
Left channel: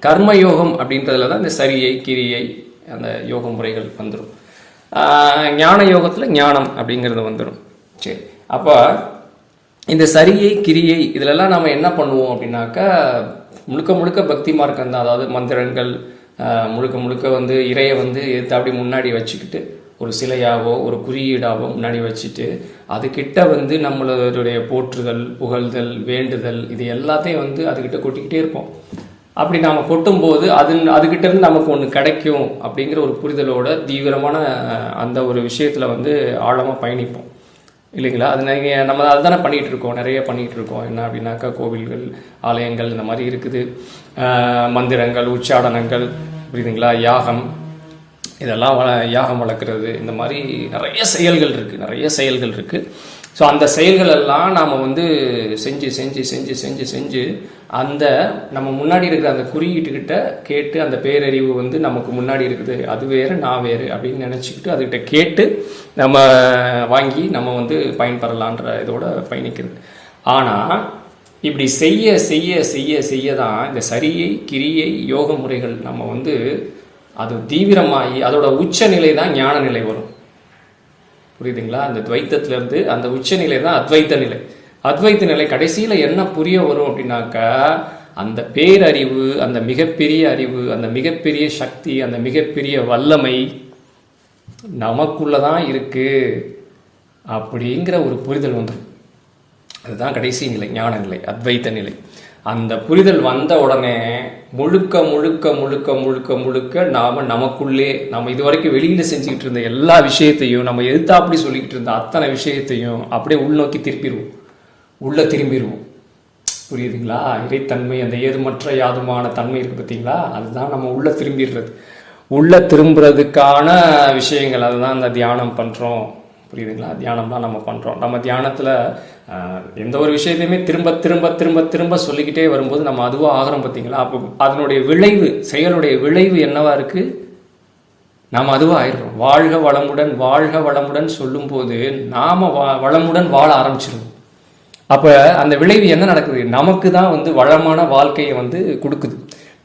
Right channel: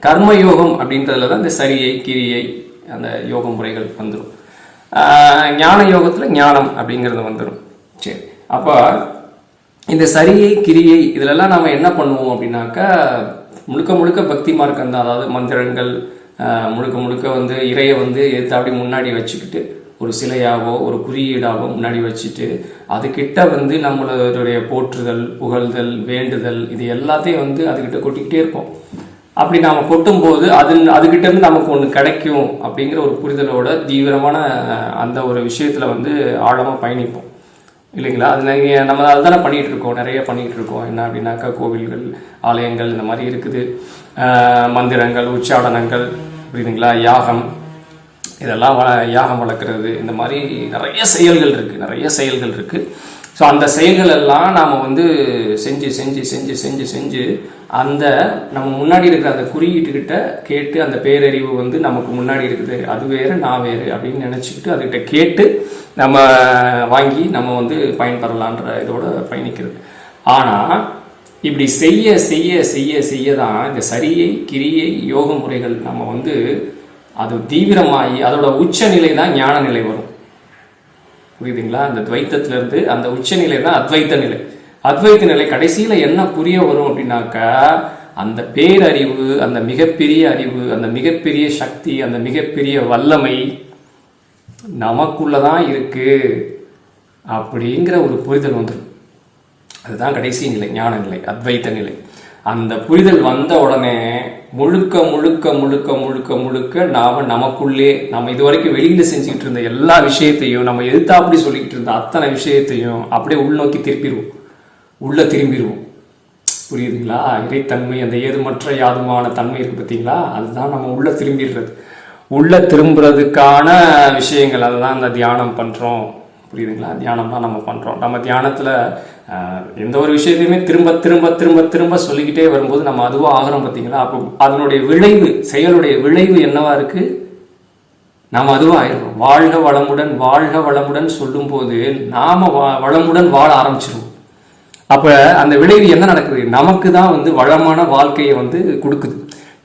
கர்ம யோகம் அப்படின்றதுல தான் இந்த சரியை, கிரியை, அந்த யோக முறைகள் வந்துடும். ஞான யோகத்தில் ஞானம் அப்படிங்கிறது வந்துடும். சரி, அப்போ இந்த சரியை, கிரியை இதிலெல்லாம் நம்ம என்ன பண்ணுவோம் அப்படின்னாக்கா முழுக்க முழுக்க பக்தி மார்க்கம் தான். அதாவது மந்திரங்கள் முழுக்க முழுக்க வந்து இறையை வந்து எடுத்து அப்படி முன்னாடி வச்சுக்கிட்டு ஒரு சிலையாவோ ஒரு குறியீடாவோ முன்னாடி வச்சுட்டு அதுக்கிட்ட வந்து நம்மளுடைய போற்றுதல், புகழ்தல், வேண்டுதல் இது எல்லாத்தையும் வந்து அதுக்கிட்ட கொட்டிக்கிட்டே இருப்போம். அப்படி நாம் கொட்டும்போது அதுக்கிட்ட இருந்து நமக்கு ஒன்று கிடைக்கும் அப்படிங்கிற ஒரு புரிதலோட தீவிரமான அந்த ஒரு விஷயத்தில் வந்து ஆழமாக பயணிப்போம் இல்லைங்களா? அது நம்ம அதுதானே பண்ணிகிட்டு இருக்கோம், நிறைய பண்ணிகிட்டு இருக்கோம். என்ன அப்படின்னாக்கா கோவில்கள், ஆலயங்கள் இந்த மாதிரி இருக்குது. மந்திரங்கள், உச்சாடனங்கள், புரியுதுங்களா? யாகம், இதெல்லாம் யாகம் வளர்க்குறது, இந்த மாதிரி நிறைய செயல்கள் இருக்குது. ஸோ அந்த செயல்கள் எல்லாம் நாம் வந்து செஞ்சு செஞ்சு செஞ்சு செஞ்சு செஞ்சு அந்த நம்ம முன்னாடி இருக்கிற அந்த குறியீட்டுக்கிட்ட கேட்டு அந்த பேரறிவு வந்து நமக்கு முன்னாடி இருக்குது, அது வேறு நான் வேறு அப்படின்னு நினச்சிக்கிட்டு அதுக்கிட்ட கேட்டு நம்ம வாங்கி நம்ம வந்து பயன்பெறலான்ற இதோட பயணிக்கிறது. ஆனால் இப்படி செய்ய செய்ய செய்ய செய்ய தான் இந்த சரியை, கிரியை, யோக முறைகள் நம்ம வந்து அது தீவிரமாகி அதோட உச்சநிலை தான் ஞான நிலை வரும். புரியுதுங்களா? அந்த துவைத்தத்திலிருந்து அந்த உச்சநிலை தான் அத்வைத்த நிலை. அத்வைத்த நிலை கடைசியில் என்ன புரிய வரும் அப்படின்னாக்கா அந்த பேரறிவு, அந்த மிகப்பெரிய அறிவு, அந்த மிகப்பெரிய சக்தி, அந்த மிகப்பெரிய வல்லமை நமக்குள்ளதான் இருக்கு அப்படிங்கிற ஒரு புரிதல் வந்துடும். அதுதான் கடைசி நிலை, ஞான நிலை, அத்வைத்த நிலை. அந்த புரிதல் வந்த உடனே முழுக்க முழுக்க முழுக்க முழுக்க முழுக்க நமக்குள்ளே நம்ம இதுவரைக்கும் வெளியில செஞ்சுக்கிட்டு இருந்த எல்லா விஷயத்தையும், நம்ம எதிர்த்தாப்படி சொல்லிக்கிட்டு இருந்த அத்தனை விஷயத்தையும் அப்படியே உள்நோக்கி திரும்பிடுவோம். புரியுதுங்களா? இறைத்தன்மை, அந்த ஏதுமற்ற யாதுமான தன்மை இருக்கு பார்த்தீங்களா? அதுதான் நம்ம உள்ள திரும்புறதுக்கான விஷயங்கள். அதுதான் அந்த தியானம் பண்றோம். புரியுதுங்களா? தியானம் தான் நம்ம பண்ணுறோம். நம்ம தியானத்தில் எந்த ஒரு விஷயத்தையுமே திரும்ப திரும்ப திரும்ப திரும்ப சொல்லிக்கிட்டே வரும்போது நம்ம அதுவாக ஆகிறோம் பார்த்தீங்களா? அப்போ அதனுடைய விளைவு, செயலுடைய விளைவு என்னவா இருக்குது? நாம் அதுவாக ஆயிடுறோம். வாழ்க வளமுடன், வாழ்க வளமுடன் சொல்லும்போது நாம் வளமுடன் வாழ ஆரம்பிச்சிருவோம். அப்போ அந்த விளைவு என்ன நடக்குது? நமக்கு தான் வந்து வளமான வாழ்க்கையை வந்து கொடுக்குது.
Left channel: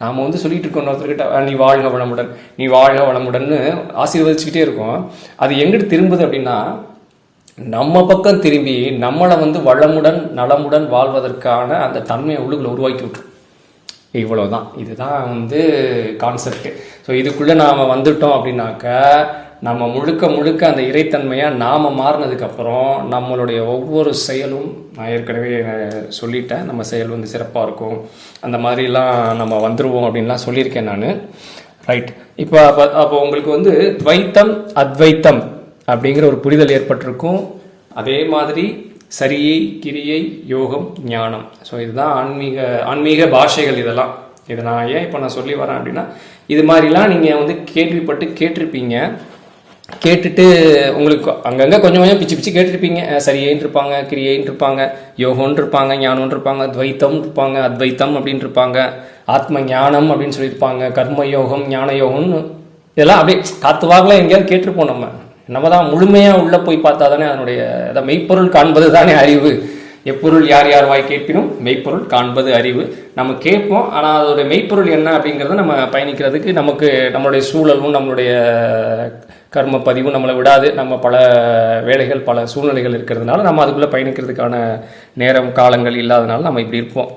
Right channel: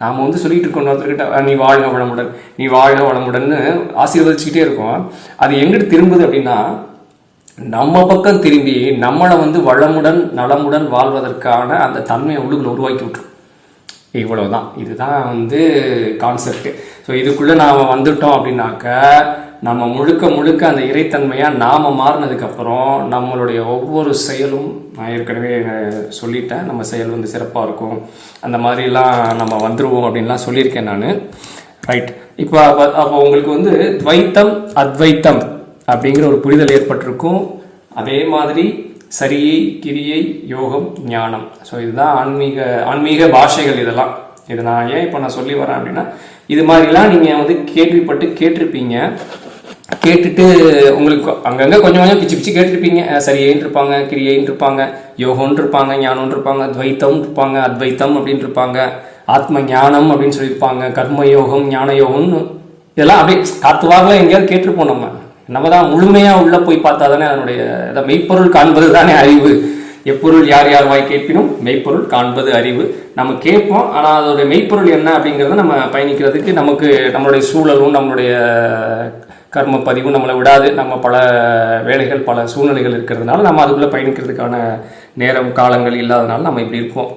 நாம் வந்து சொல்லிட்டு இருக்கோம் ஒருத்தர்கிட்ட, நீ வாழ்க வளமுடன், நீ வாழ்க வளமுடன்னு ஆசீர்வதிச்சுக்கிட்டே இருக்கோம். அது எங்கிட்டு திரும்புது அப்படின்னா நம்ம பக்கம் திரும்பி நம்மளை வந்து வளமுடன் நலமுடன் வாழ்வதற்கான அந்த தன்மையை உள்ளுக்குள்ள உருவாக்கி விட்டுரும். இவ்வளவுதான். இதுதான் வந்து கான்செப்ட். ஸோ இதுக்குள்ளே நாம் வந்துட்டோம் அப்படின்னாக்க நம்ம முழுக்க முழுக்க அந்த இறைத்தன்மையாக நாம் மாறினதுக்கப்புறம் நம்மளுடைய ஒவ்வொரு செயலும், நான் ஏற்கனவே சொல்லிட்டேன், நம்ம செயல் வந்து சிறப்பாக இருக்கும், அந்த மாதிரிலாம் நம்ம வந்துடுவோம் அப்படின்லாம் சொல்லியிருக்கேன் நான். ரைட். அப்போ உங்களுக்கு வந்து துவைத்தம் அத்வைத்தம் அப்படிங்கிற ஒரு புரிதல் ஏற்பட்டிருக்கும். அதே மாதிரி சரியை, கிரியை, யோகம், ஞானம். ஸோ இதுதான் ஆன்மீக பாஷைகள். இதெல்லாம் இதை நான் ஏன் இப்போ நான் சொல்லி வரேன் அப்படின்னா இது மாதிரிலாம் நீங்கள் வந்து கேட்டிருப்பீங்க. கேட்டுட்டு உங்களுக்கு அங்கங்கே கொஞ்சம் கொஞ்சம் பிச்சு பிச்சு கேட்டுருப்பீங்க. சரியைன்னு இருப்பாங்க, கிரியைன்னு இருப்பாங்க, யோகம்னு இருப்பாங்க, ஞானம்னு இருப்பாங்க, துவைத்தம் இருப்பாங்க, அத்வைத்தம் அப்படின்னு இருப்பாங்க, ஆத்ம ஞானம் அப்படின்னு சொல்லியிருப்பாங்க, கர்ம யோகம், ஞான யோகம்னு இதெல்லாம் அப்படியே காத்து வாகலாம் எங்கேயாவது கேட்டிருப்போம். நம்ம தான் முழுமையாக உள்ளே போய் பார்த்தா தானே அதனுடைய மெய்ப்பொருள் காண்பது தானே அறிவு. எப்பொருள் யார் யார் வாய் கேட்பினும் மெய்ப்பொருள் காண்பது அறிவு. நம்ம கேட்போம், ஆனால் அதோடைய மெய்ப்பொருள் என்ன அப்படிங்கிறத நம்ம பயணிக்கிறதுக்கு நம்மளுடைய சூழலும் நம்மளுடைய கர்ம பதிவும் நம்மளை விடாது. நம்ம பல வேலைகள், பல சூழ்நிலைகள் இருக்கிறதுனால நம்ம அதுக்குள்ளே பயணிக்கிறதுக்கான நேரம் காலங்கள் இல்லாதனால நம்ம இப்படி இருப்போம்.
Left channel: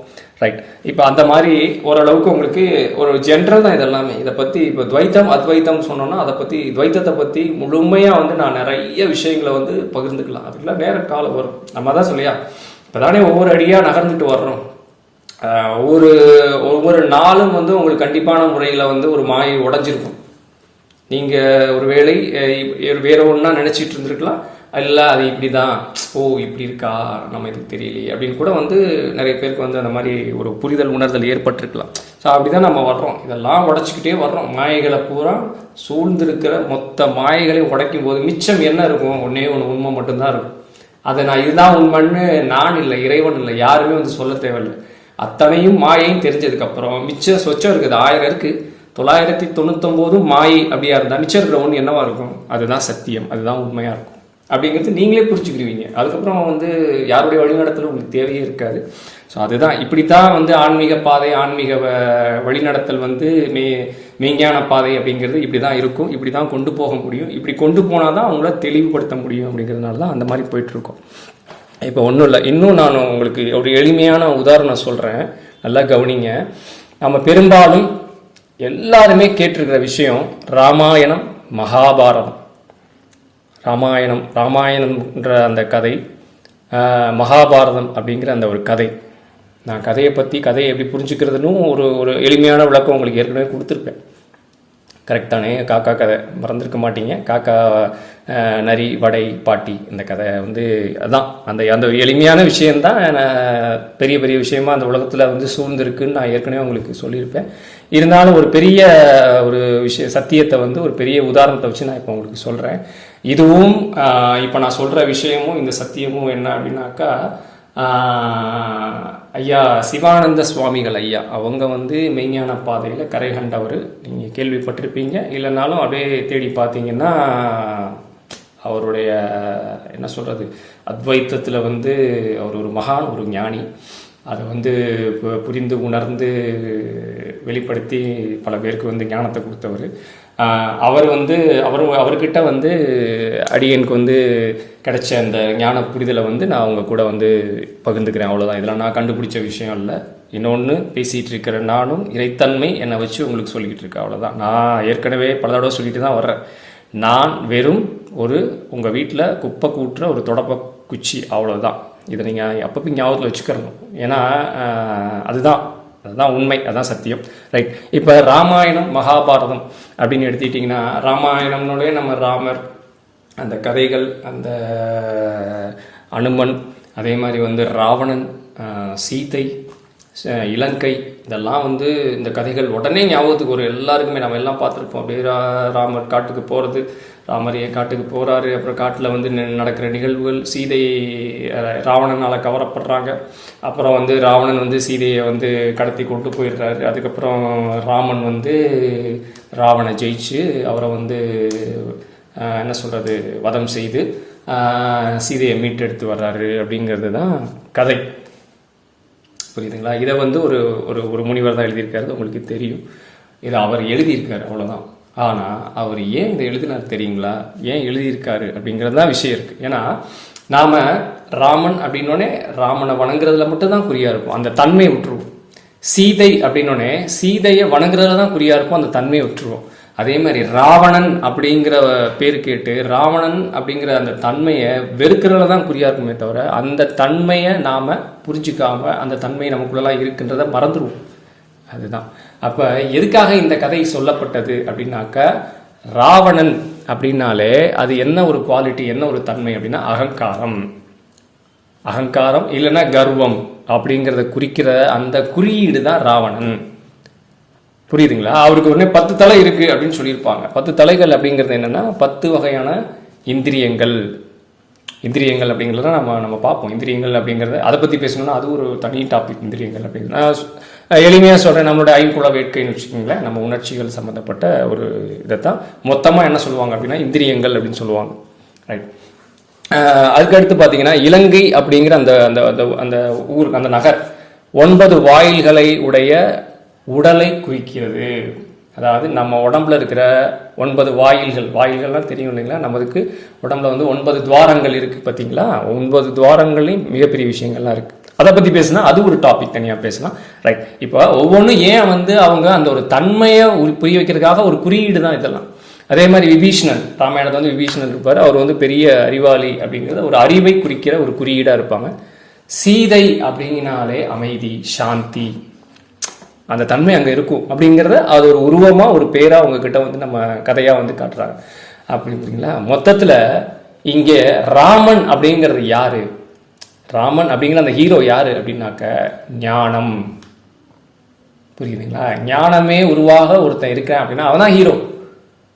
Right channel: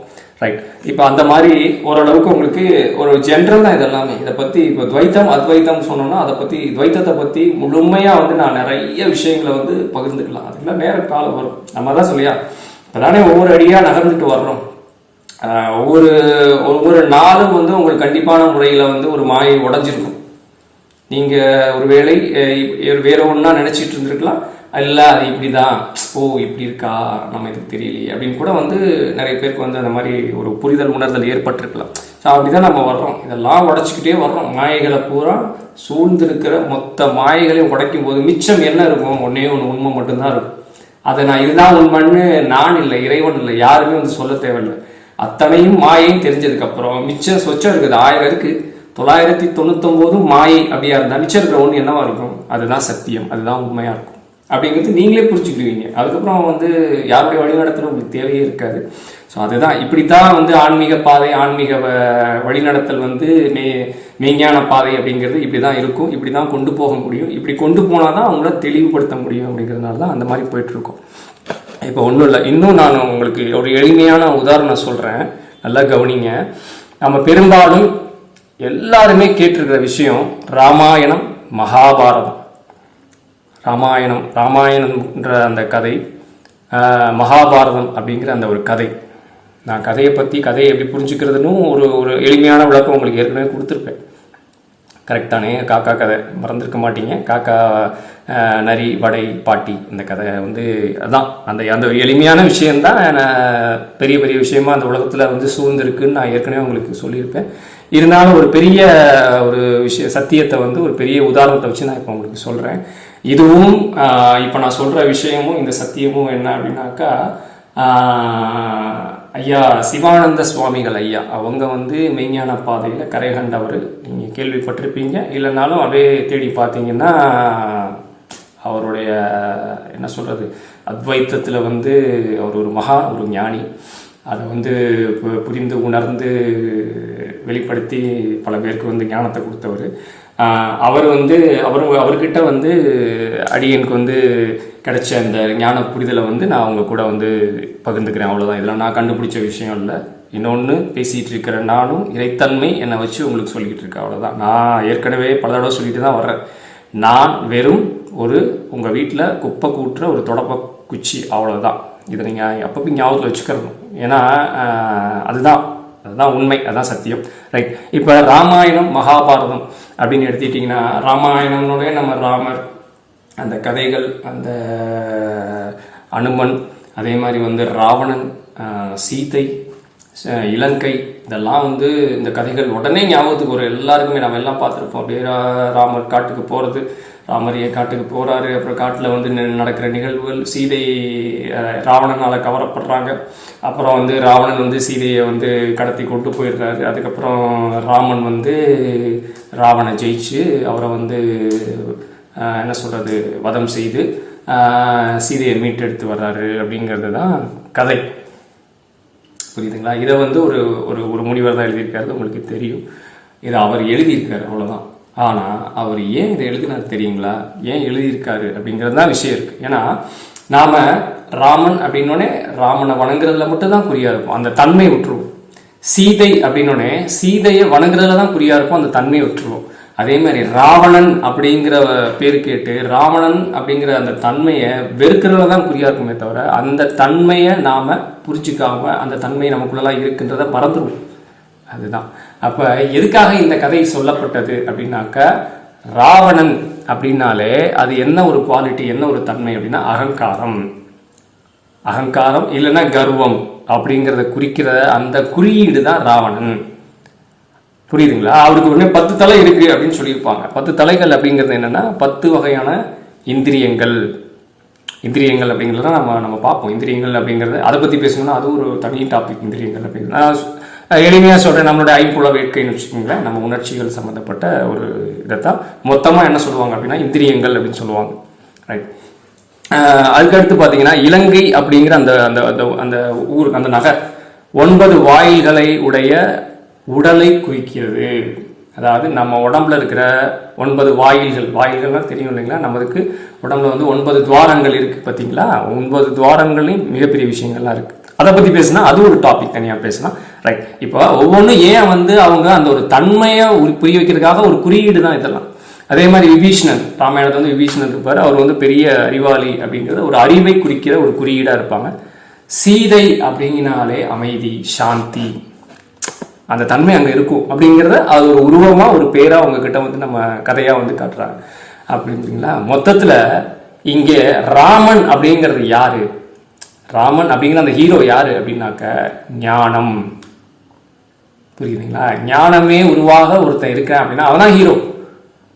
ரைட். இப்போ அந்த மாதிரி ஓரளவுக்கு உங்களுக்கு ஒரு ஜென்ரல் தான் இதெல்லாமே. இதை பற்றி இப்போ துவைத்தம் அத்வைத்தம் சொன்னோன்னா அதை பற்றி துவைத்தத்தை பற்றி முழுமையாக வந்து நான் நிறைய விஷயங்களை வந்து பகிர்ந்துக்கலாம். அதுக்கெல்லாம் நேர காலம் வரும். நம்ம தான் சொல்லியா இப்போ தானே ஒவ்வொரு அடியாக நகர்ந்துட்டு வர்றோம். ஒவ்வொரு நாளும் வந்து உங்களுக்கு கண்டிப்பான முறையில் வந்து ஒரு மாயை உடஞ்சிருக்கும். நீங்கள் ஒரு வேளை வேற ஒன்றா நினச்சிட்டு இருந்திருக்கலாம், இல்லை அது இப்படி தான், ஓ இப்படி இருக்கா, நம்ம இதுக்கு தெரியலையே அப்படின்னு கூட வந்து நிறைய பேருக்கு வந்து அந்த மாதிரி ஒரு புரிதல் உணர்தல் ஏற்பட்டிருக்கலாம். ஸோ அப்படி தான் நம்ம வர்றோம். இதெல்லாம் உடச்சிக்கிட்டே வர்றோம். மாயைகளை பூரா சூழ்ந்திருக்கிற மொத்த மாயைகளையும் உடைக்கும் போது மிச்சம் என்ன இருக்கும்? ஒன்றே ஒன்று உண்மை மட்டும்தான் இருக்கும். அதை நான் இதுதான் உண்மைன்னு நான் இல்லை, இறைவன் இல்லை, யாருமே வந்து சொல்ல தேவையில்லை. அத்தனையும் மாயையும் தெரிஞ்சதுக்கப்புறம் மிச்சம் சொச்சம் இருக்குது. 1000 இருக்குது, 999 மாயை அப்படியா இருந்தால் மிச்சம் இருக்கிற ஒன்று என்னவா இருக்கும்? அதுதான் சத்தியம், அதுதான் உண்மையாக இருக்கும் அப்படிங்கிறது நீங்களே புரிஞ்சுக்கிடுவீங்க. அதுக்கப்புறம் வந்து யாருடைய வழிநடத்தலும் உங்களுக்கு தேவையே இருக்காது. ஸோ அதுதான் இப்படித்தான் வந்து ஆன்மீக பாதை, ஆன்மீக வழிநடத்தல் வந்து மெய்ஞான பாதை அப்படிங்கிறது இப்படி தான் இருக்கும். இப்படி தான் கொண்டு போக முடியும். இப்படி கொண்டு போனால் தான் அவங்கள தெளிவுபடுத்த முடியும். அப்படிங்கிறதுனால தான் அந்த மாதிரி போயிட்டுருக்கோம். இப்போ ஒன்றும் இல்லை, இன்னும் நான் உங்களுக்கு ஒரு எளிமையான உதாரணம் சொல்கிறேன், நல்லா கவனிங்க. நம்ம பெரும்பாலும் எல்லாருமே கேட்டிருக்கிற விஷயம் ராமாயணம், மகாபாரதம். ராமாயணம்ன்ற அந்த கதை, மகாபாரதம் அப்படிங்கிற அந்த ஒரு கதை. நான் கதையை எப்படி புரிஞ்சுக்கிறதுன்னு ஒரு எளிமையான விளக்கம் உங்களுக்கு ஏற்கனவே கொடுத்துருப்பேன். கரெக்ட் தானே? காக்கா கதை மறந்துருக்க மாட்டீங்க. காக்கா, நரி, வடை, பாட்டி, இந்த கதை வந்து அதுதான் அந்த எளிமையான விஷயந்தான் பெரிய பெரிய விஷயமா அந்த உலகத்தில் வந்து சூழ்ந்திருக்குன்னு நான் ஏற்கனவே உங்களுக்கு சொல்லியிருப்பேன். இருந்தாலும் ஒரு பெரிய ஒரு சத்தியத்தை வந்து ஒரு பெரிய உதாரணத்தை வச்சு நான் இப்போ உங்களுக்கு சொல்கிறேன். இதுவும் இப்போ நான் சொல்கிற விஷயமும் இந்த சத்தியமும் என்ன அப்படின்னாக்கா, ஐயா சிவானந்த சுவாமிகள் ஐயா அவங்க வந்து மெய்ஞான பாதையில் கரை கண்டவர். நீங்கள் கேள்விப்பட்டிருப்பீங்க, இல்லைனாலும் அப்படியே தேடி பார்த்தீங்கன்னா அவருடைய என்ன சொல்கிறது, அத்வைத்தத்தில் வந்து அவர் ஒரு மகான், ஒரு ஞானி. அதை வந்து புரிந்து உணர்ந்து வெளிப்படுத்தி பல பேருக்கு வந்து ஞானத்தை கொடுத்தவர். அவர்கிட்ட வந்து அடியனுக்கு வந்து கிடைச்ச அந்த ஞான புரிதலை வந்து நான் அவங்க கூட வந்து பகிர்ந்துக்கிறேன். அவ்வளோதான். இதெல்லாம் நான் கண்டுபிடிச்ச விஷயம் இல்லை. இன்னொன்று பேசிகிட்டு இருக்கிற நானும் இறைத்தன்மை என்னை வச்சு உங்களுக்கு சொல்லிக்கிட்டு இருக்கேன். அவ்வளோதான். நான் ஏற்கனவே பல தடவை சொல்லிட்டு தான் வர்றேன். நான் வெறும் உங்கள் வீட்டில் குப்பை கூட்டுற ஒரு தொடப்ப குச்சி, அவ்வளோதான். இதை நீங்கள் அப்பப்போ ஞாபகத்தில் வச்சுக்கிறணும். ஏன்னா அதுதான் உண்மை, அதுதான் சத்தியம். ரைட். இப்போ ராமாயணம், மகாபாரதம் அப்படின்னு எடுத்துக்கிட்டிங்கன்னா, ராமாயணம்னோட நம்ம ராமர், அந்த கதைகள், அந்த அனுமன், அதே மாதிரி வந்து ராவணன், சீதை, இலங்கை, இதெல்லாம் வந்து இந்த கதைகள் உடனே ஞாபகத்துக்கு ஒரு எல்லாருக்குமே நம்ம எல்லாம் பார்த்துருப்போம். அப்படியே ராமர் காட்டுக்கு போகிறது, ராமர் காட்டுக்கு போகிறாரு, அப்புறம் காட்டில் வந்து நடக்கிற நிகழ்வுகள், சீதை ராவணனால் கவரப்படுறாங்க, அப்புறம் வந்து ராவணன் வந்து சீதையை வந்து கடத்தி கொண்டு போயிடுறாரு, அதுக்கப்புறம் ராமன் வந்து ராவணை ஜெயிச்சு அவரை வந்து என்ன சொல்கிறது வதம் செய்து சீதையை மீட்டெடுத்து வர்றாரு அப்படிங்கிறது தான் கதை. புரியுதுங்களா? இதை வந்து ஒரு முனிவர் தான் எழுதியிருக்காரு, உங்களுக்கு தெரியும். இதை அவர் எழுதியிருக்காரு, அவ்வளோதான். ஆனால் அவர் ஏன் இதை எழுதினார் தெரியுங்களா? ஏன் எழுதியிருக்காரு அப்படிங்கிறது தான் விஷயம் இருக்குது. ஏன்னா நாம் ராமன் அப்படின்னோடனே ராமனை வணங்குறதுல மட்டும்தான் குறியாக இருக்கும், அந்த தன்மையை விட்டுருவோம். சீதை அப்படின்னோடனே சீதையை வணங்குறதுல தான் குறியாக இருக்கும், அந்த தன்மையை விட்டுருவோம். அதே மாதிரி ராவணன் அப்படிங்கிற பேர் கேட்டு ராவணன் அப்படிங்கிற அந்த தன்மையை வெறுக்கிறதுல தான் குறியாக இருக்குமே தவிர அந்த தன்மையை நாம் புரிஞ்சுக்காம அந்த தன்மை நமக்குள்ளலாம் இருக்குன்றதை மறந்துடுவோம். அதுதான். அப்போ எதுக்காக இந்த கதை சொல்லப்பட்டது அப்படின்னாக்கா, ராவணன் அப்படின்னாலே அது என்ன ஒரு குவாலிட்டி, என்ன ஒரு தன்மை அப்படின்னா அகங்காரம் இல்லைன்னா கர்வம் அப்படிங்கிறத குறிக்கிற அந்த குறியீடு தான் ராவணன். புரியுதுங்களா? அவருக்கு உடனே 10 தலை இருக்கு அப்படின்னு சொல்லியிருப்பாங்க. 10 தலைகள் அப்படிங்கிறது என்னன்னா 10 வகையான இந்திரியங்கள் அப்படிங்கிறத நம்ம பார்ப்போம். இந்திரியங்கள் அப்படிங்கிறது அதை பற்றி பேசணும்னா அது ஒரு தனி டாபிக். இந்திரியங்கள் அப்படிங்கிறது நான் எளிமையாக சொல்கிறேன். நம்மளோட ஐம்புல வேட்கைன்னு வச்சுக்கோங்களேன், நம்ம உணர்ச்சிகள் சம்மந்தப்பட்ட ஒரு இதைத்தான் மொத்தமாக என்ன சொல்லுவாங்க அப்படின்னா இந்திரியங்கள் அப்படின்னு சொல்லுவாங்க. ரைட். அதுக்கடுத்து பார்த்தீங்கன்னா இலங்கை அப்படிங்கிற அந்த அந்த அந்த ஊர், அந்த நகர் 9 வாயில்களை உடைய உடலை குறிக்கிறது. அதாவது நம்ம உடம்புல இருக்கிற 9 வாயில்கள்லாம் தெரியும் இல்லைங்களா? நமக்கு உடம்புல வந்து 9 துவாரங்கள் இருக்குது பார்த்தீங்களா? 9 துவாரங்களையும் மிகப்பெரிய விஷயங்கள்லாம் இருக்குது. அதை பற்றி பேசினா அது ஒரு டாபிக் தனியாக பேசலாம். ரைட். இப்போ ஒவ்வொன்றும் ஏன் வந்து அவங்க அந்த ஒரு தன்மையை புரிய வைக்கிறதுக்காக ஒரு குறியீடு தான் இதெல்லாம். அதே மாதிரி விபீஷணன், ராமாயணத்தை வந்து விபீஷணன் இருப்பார். அவர் வந்து பெரிய அறிவாளி அப்படிங்கிறத ஒரு அறிவை குறிக்கிற ஒரு குறியீடாக இருப்பாங்க. சீதை அப்படிங்கினாலே அமைதி, சாந்தி, அந்த தன்மை அங்கே இருக்கும் அப்படிங்கிறத அது ஒரு உருவமாக ஒரு பேராக அவங்கக்கிட்ட வந்து நம்ம கதையாக வந்து காட்டுறாங்க. அப்படிங்களா? மொத்தத்தில் இங்கே ராமன் அப்படிங்கிறது யாரு? ராமன் அப்படிங்கிற அந்த ஹீரோ யாரு அப்படின்னாக்க ஞானம். புரியுதுங்களா? ஞானமே உருவாக ஒருத்தன் இருக்கான் அப்படின்னா அவன் தான் ஹீரோ.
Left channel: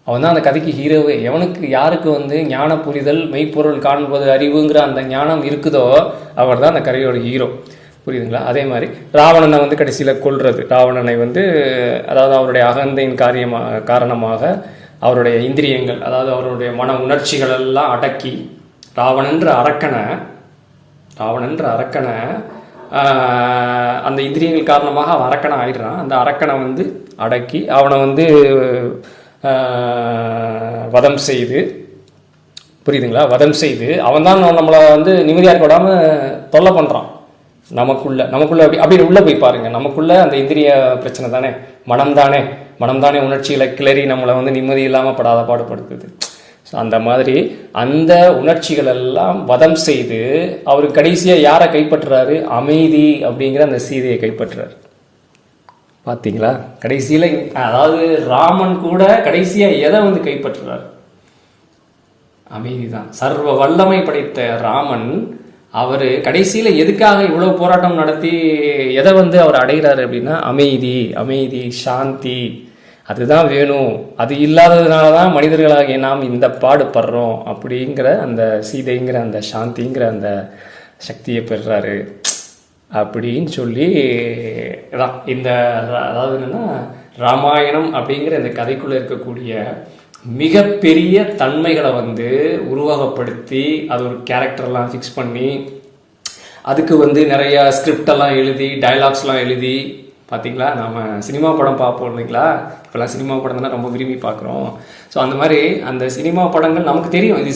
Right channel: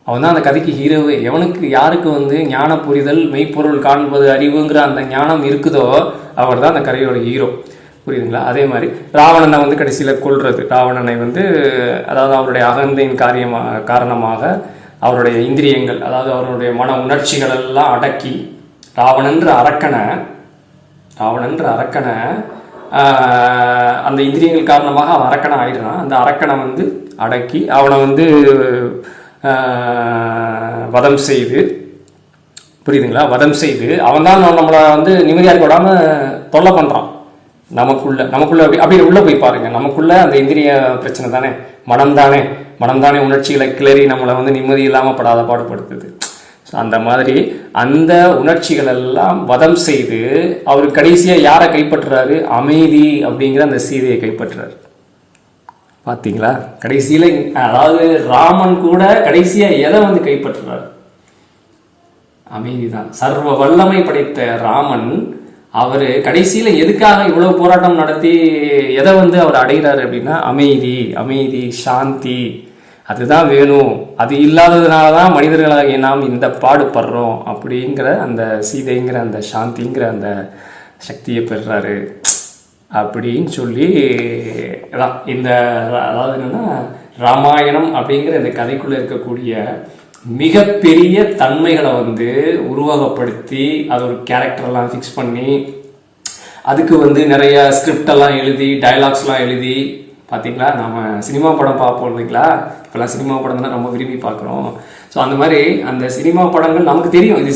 அவன் தான் அந்த கதைக்கு ஹீரோவே. எவனுக்கு யாருக்கு வந்து ஞான புரிதல், மெய்ப்பொருள் காண்பது, அறிவுங்கிற அந்த ஞானம் இருக்குதோ அவர் தான் அந்த கதையோட ஹீரோ. புரியுதுங்களா? அதே மாதிரி ராவணனை வந்து கடைசியில் கொல்றது, ராவணனை வந்து அதாவது அவருடைய அகந்தையின் காரணமாக அவருடைய இந்திரியங்கள், அதாவது அவருடைய மன உணர்ச்சிகள் எல்லாம் அடக்கி ராவணன்ற அரக்கனை அந்த இந்திரியங்கள் காரணமாக அவன் அரக்கனை ஆயிடுறான். அந்த அரக்கனை வந்து அடக்கி அவனை வந்து வதம் செய்து, புரியுதுங்களா, வதம் செய்து அவன் தான் நம்மளை வந்து நிம்மதியாக இருக்க விடாமல் தொல்லை பண்ணுறான். நமக்குள்ள அப்படி உள்ளே போய் பாருங்க. நமக்குள்ள அந்த இந்திரிய பிரச்சனை தானே, மனம் தானே உணர்ச்சிகளை கிளறி நம்மளை வந்து நிம்மதி இல்லாமல் படாத பாடுபடுத்துது. ஸோ அந்த மாதிரி அந்த உணர்ச்சிகள் எல்லாம் வதம் செய்து அவர் கடைசியாக யாரை கைப்பற்றுறாரு? அமைதி அப்படிங்கிற அந்த சீதையை கைப்பற்றுறாரு. பார்த்தீங்களா? கடைசியில் அதாவது ராமன் கூட கடைசியாக எதை வந்து கைப்பற்றுறார்? அமைதி தான். சர்வ வல்லமை படைத்த ராமன் அவர் கடைசியில் எதுக்காக இவ்வளவு போராட்டம் நடத்தி எதை வந்து அவர் அடைகிறாரு அப்படின்னா அமைதி, சாந்தி. அதுதான் வேணும். அது இல்லாததுனால தான் மனிதர்களாகிய நாம் இந்த பாடுபடுறோம் அப்படிங்கிற அந்த சீதைங்கிற அந்த சாந்திங்கிற அந்த சக்தியை பெறுறாரு அப்படின்னு சொல்லி தான் இந்த அதாவது என்னன்னா ராமாயணம் அப்படிங்கிற இந்த கதைக்குள்ளே இருக்கக்கூடிய மிகப்பெரிய தன்மைகளை வந்து உருவகப்படுத்தி அது ஒரு கேரக்டர்லாம் ஃபிக்ஸ் பண்ணி அதுக்கு வந்து நிறைய ஸ்கிரிப்டெல்லாம் எழுதி டைலாக்ஸ்லாம் எழுதி, பார்த்தீங்களா, நம்ம சினிமா படம் பார்ப்போம் இல்லைங்களா? இப்போல்லாம் சினிமா படம் தானே ரொம்ப விரும்பி பார்க்குறோம். ஸோ அந்த மாதிரி அந்த சினிமா படங்கள் நமக்கு தெரியும், இது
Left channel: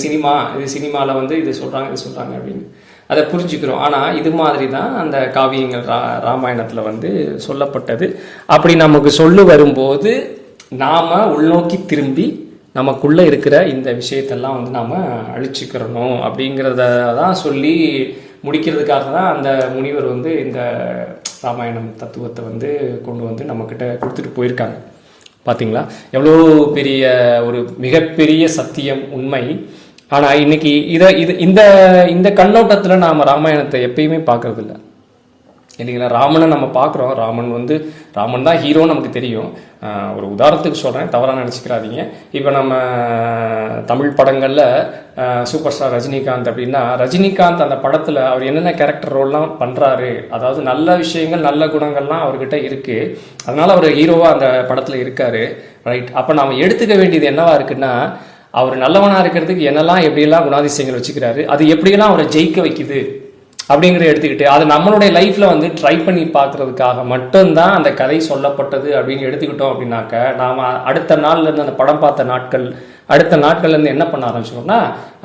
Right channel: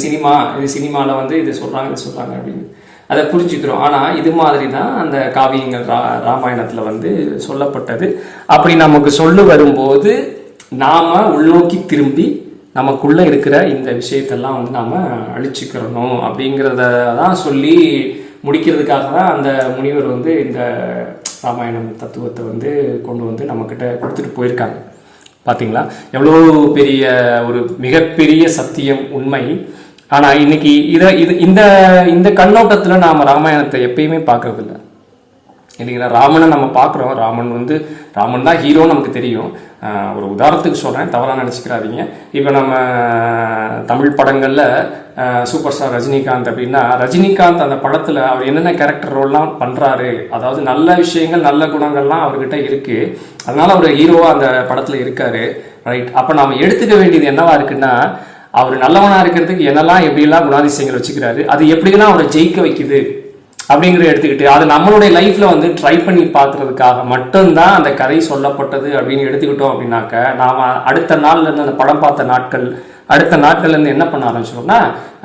சினிமாவில் வந்து இது சொல்கிறாங்க அப்படின்னு அதை புரிஞ்சுக்கிறோம். ஆனால் இது மாதிரி தான் அந்த காவியங்கள் ராமாயணத்தில் வந்து சொல்லப்பட்டது. அப்படி நமக்கு சொல்லு வரும்போது நாம் உள்நோக்கி திரும்பி நமக்குள்ளே இருக்கிற இந்த விஷயத்தெல்லாம் வந்து நாம் அழிச்சுக்கிறணும் அப்படிங்கிறத தான் சொல்லி முடிக்கிறதுக்காக தான் அந்த முனிவர் வந்து இந்த ராமாயணம் தத்துவத்தை வந்து கொண்டு வந்து நம்மக்கிட்ட கொடுத்துட்டு போயிருக்காங்க. பார்த்தீங்களா எவ்வளோ பெரிய ஒரு மிகப்பெரிய சத்தியம், உண்மை. ஆனால் இன்னைக்கு இந்த கண்ணோட்டத்தில் நாம் ராமாயணத்தை எப்பயுமே பார்க்கறதில்ல இல்லைங்களா? ராமனை நம்ம பார்க்குறோம், ராமன் தான் ஹீரோன்னு நமக்கு தெரியும். ஒரு உதாரணத்துக்கு சொல்கிறேன், தவறாக நினச்சிக்கிறாதீங்க. இப்போ நம்ம தமிழ் படங்களில் சூப்பர் ஸ்டார் ரஜினிகாந்த் அப்படின்னா, ரஜினிகாந்த் அந்த படத்தில் அவர் என்னென்ன கேரக்டர் ரோல்லாம் பண்ணுறாரு, அதாவது நல்ல விஷயங்கள் நல்ல குணங்கள்லாம் அவர்கிட்ட இருக்குது, அதனால் அவர் ஹீரோவாக அந்த படத்தில் இருக்கார். ரைட். அப்போ நாம் எடுத்துக்க வேண்டியது என்னவா இருக்குன்னா, அவர் நல்லவனாக இருக்கிறதுக்கு என்னெல்லாம் எப்படியெல்லாம் குணாதிசயங்கள் வச்சுக்கிறாரு, அது எப்படியெல்லாம் அவரை ஜெயிக்க வைக்குது அப்படிங்கிறத எடுத்துக்கிட்டு அது நம்மளுடைய லைஃப்ல வந்து ட்ரை பண்ணி பார்க்கறதுக்காக மட்டும்தான் அந்த கதை சொல்லப்பட்டது அப்படின்னு எடுத்துக்கிட்டோம் அப்படின்னாக்க, நாம அடுத்த நாள்ல இருந்து அந்த படம் பார்த்த அடுத்த நாட்கள்ல இருந்து என்ன பண்ண ஆரம்பிச்சிட்டோம்னா,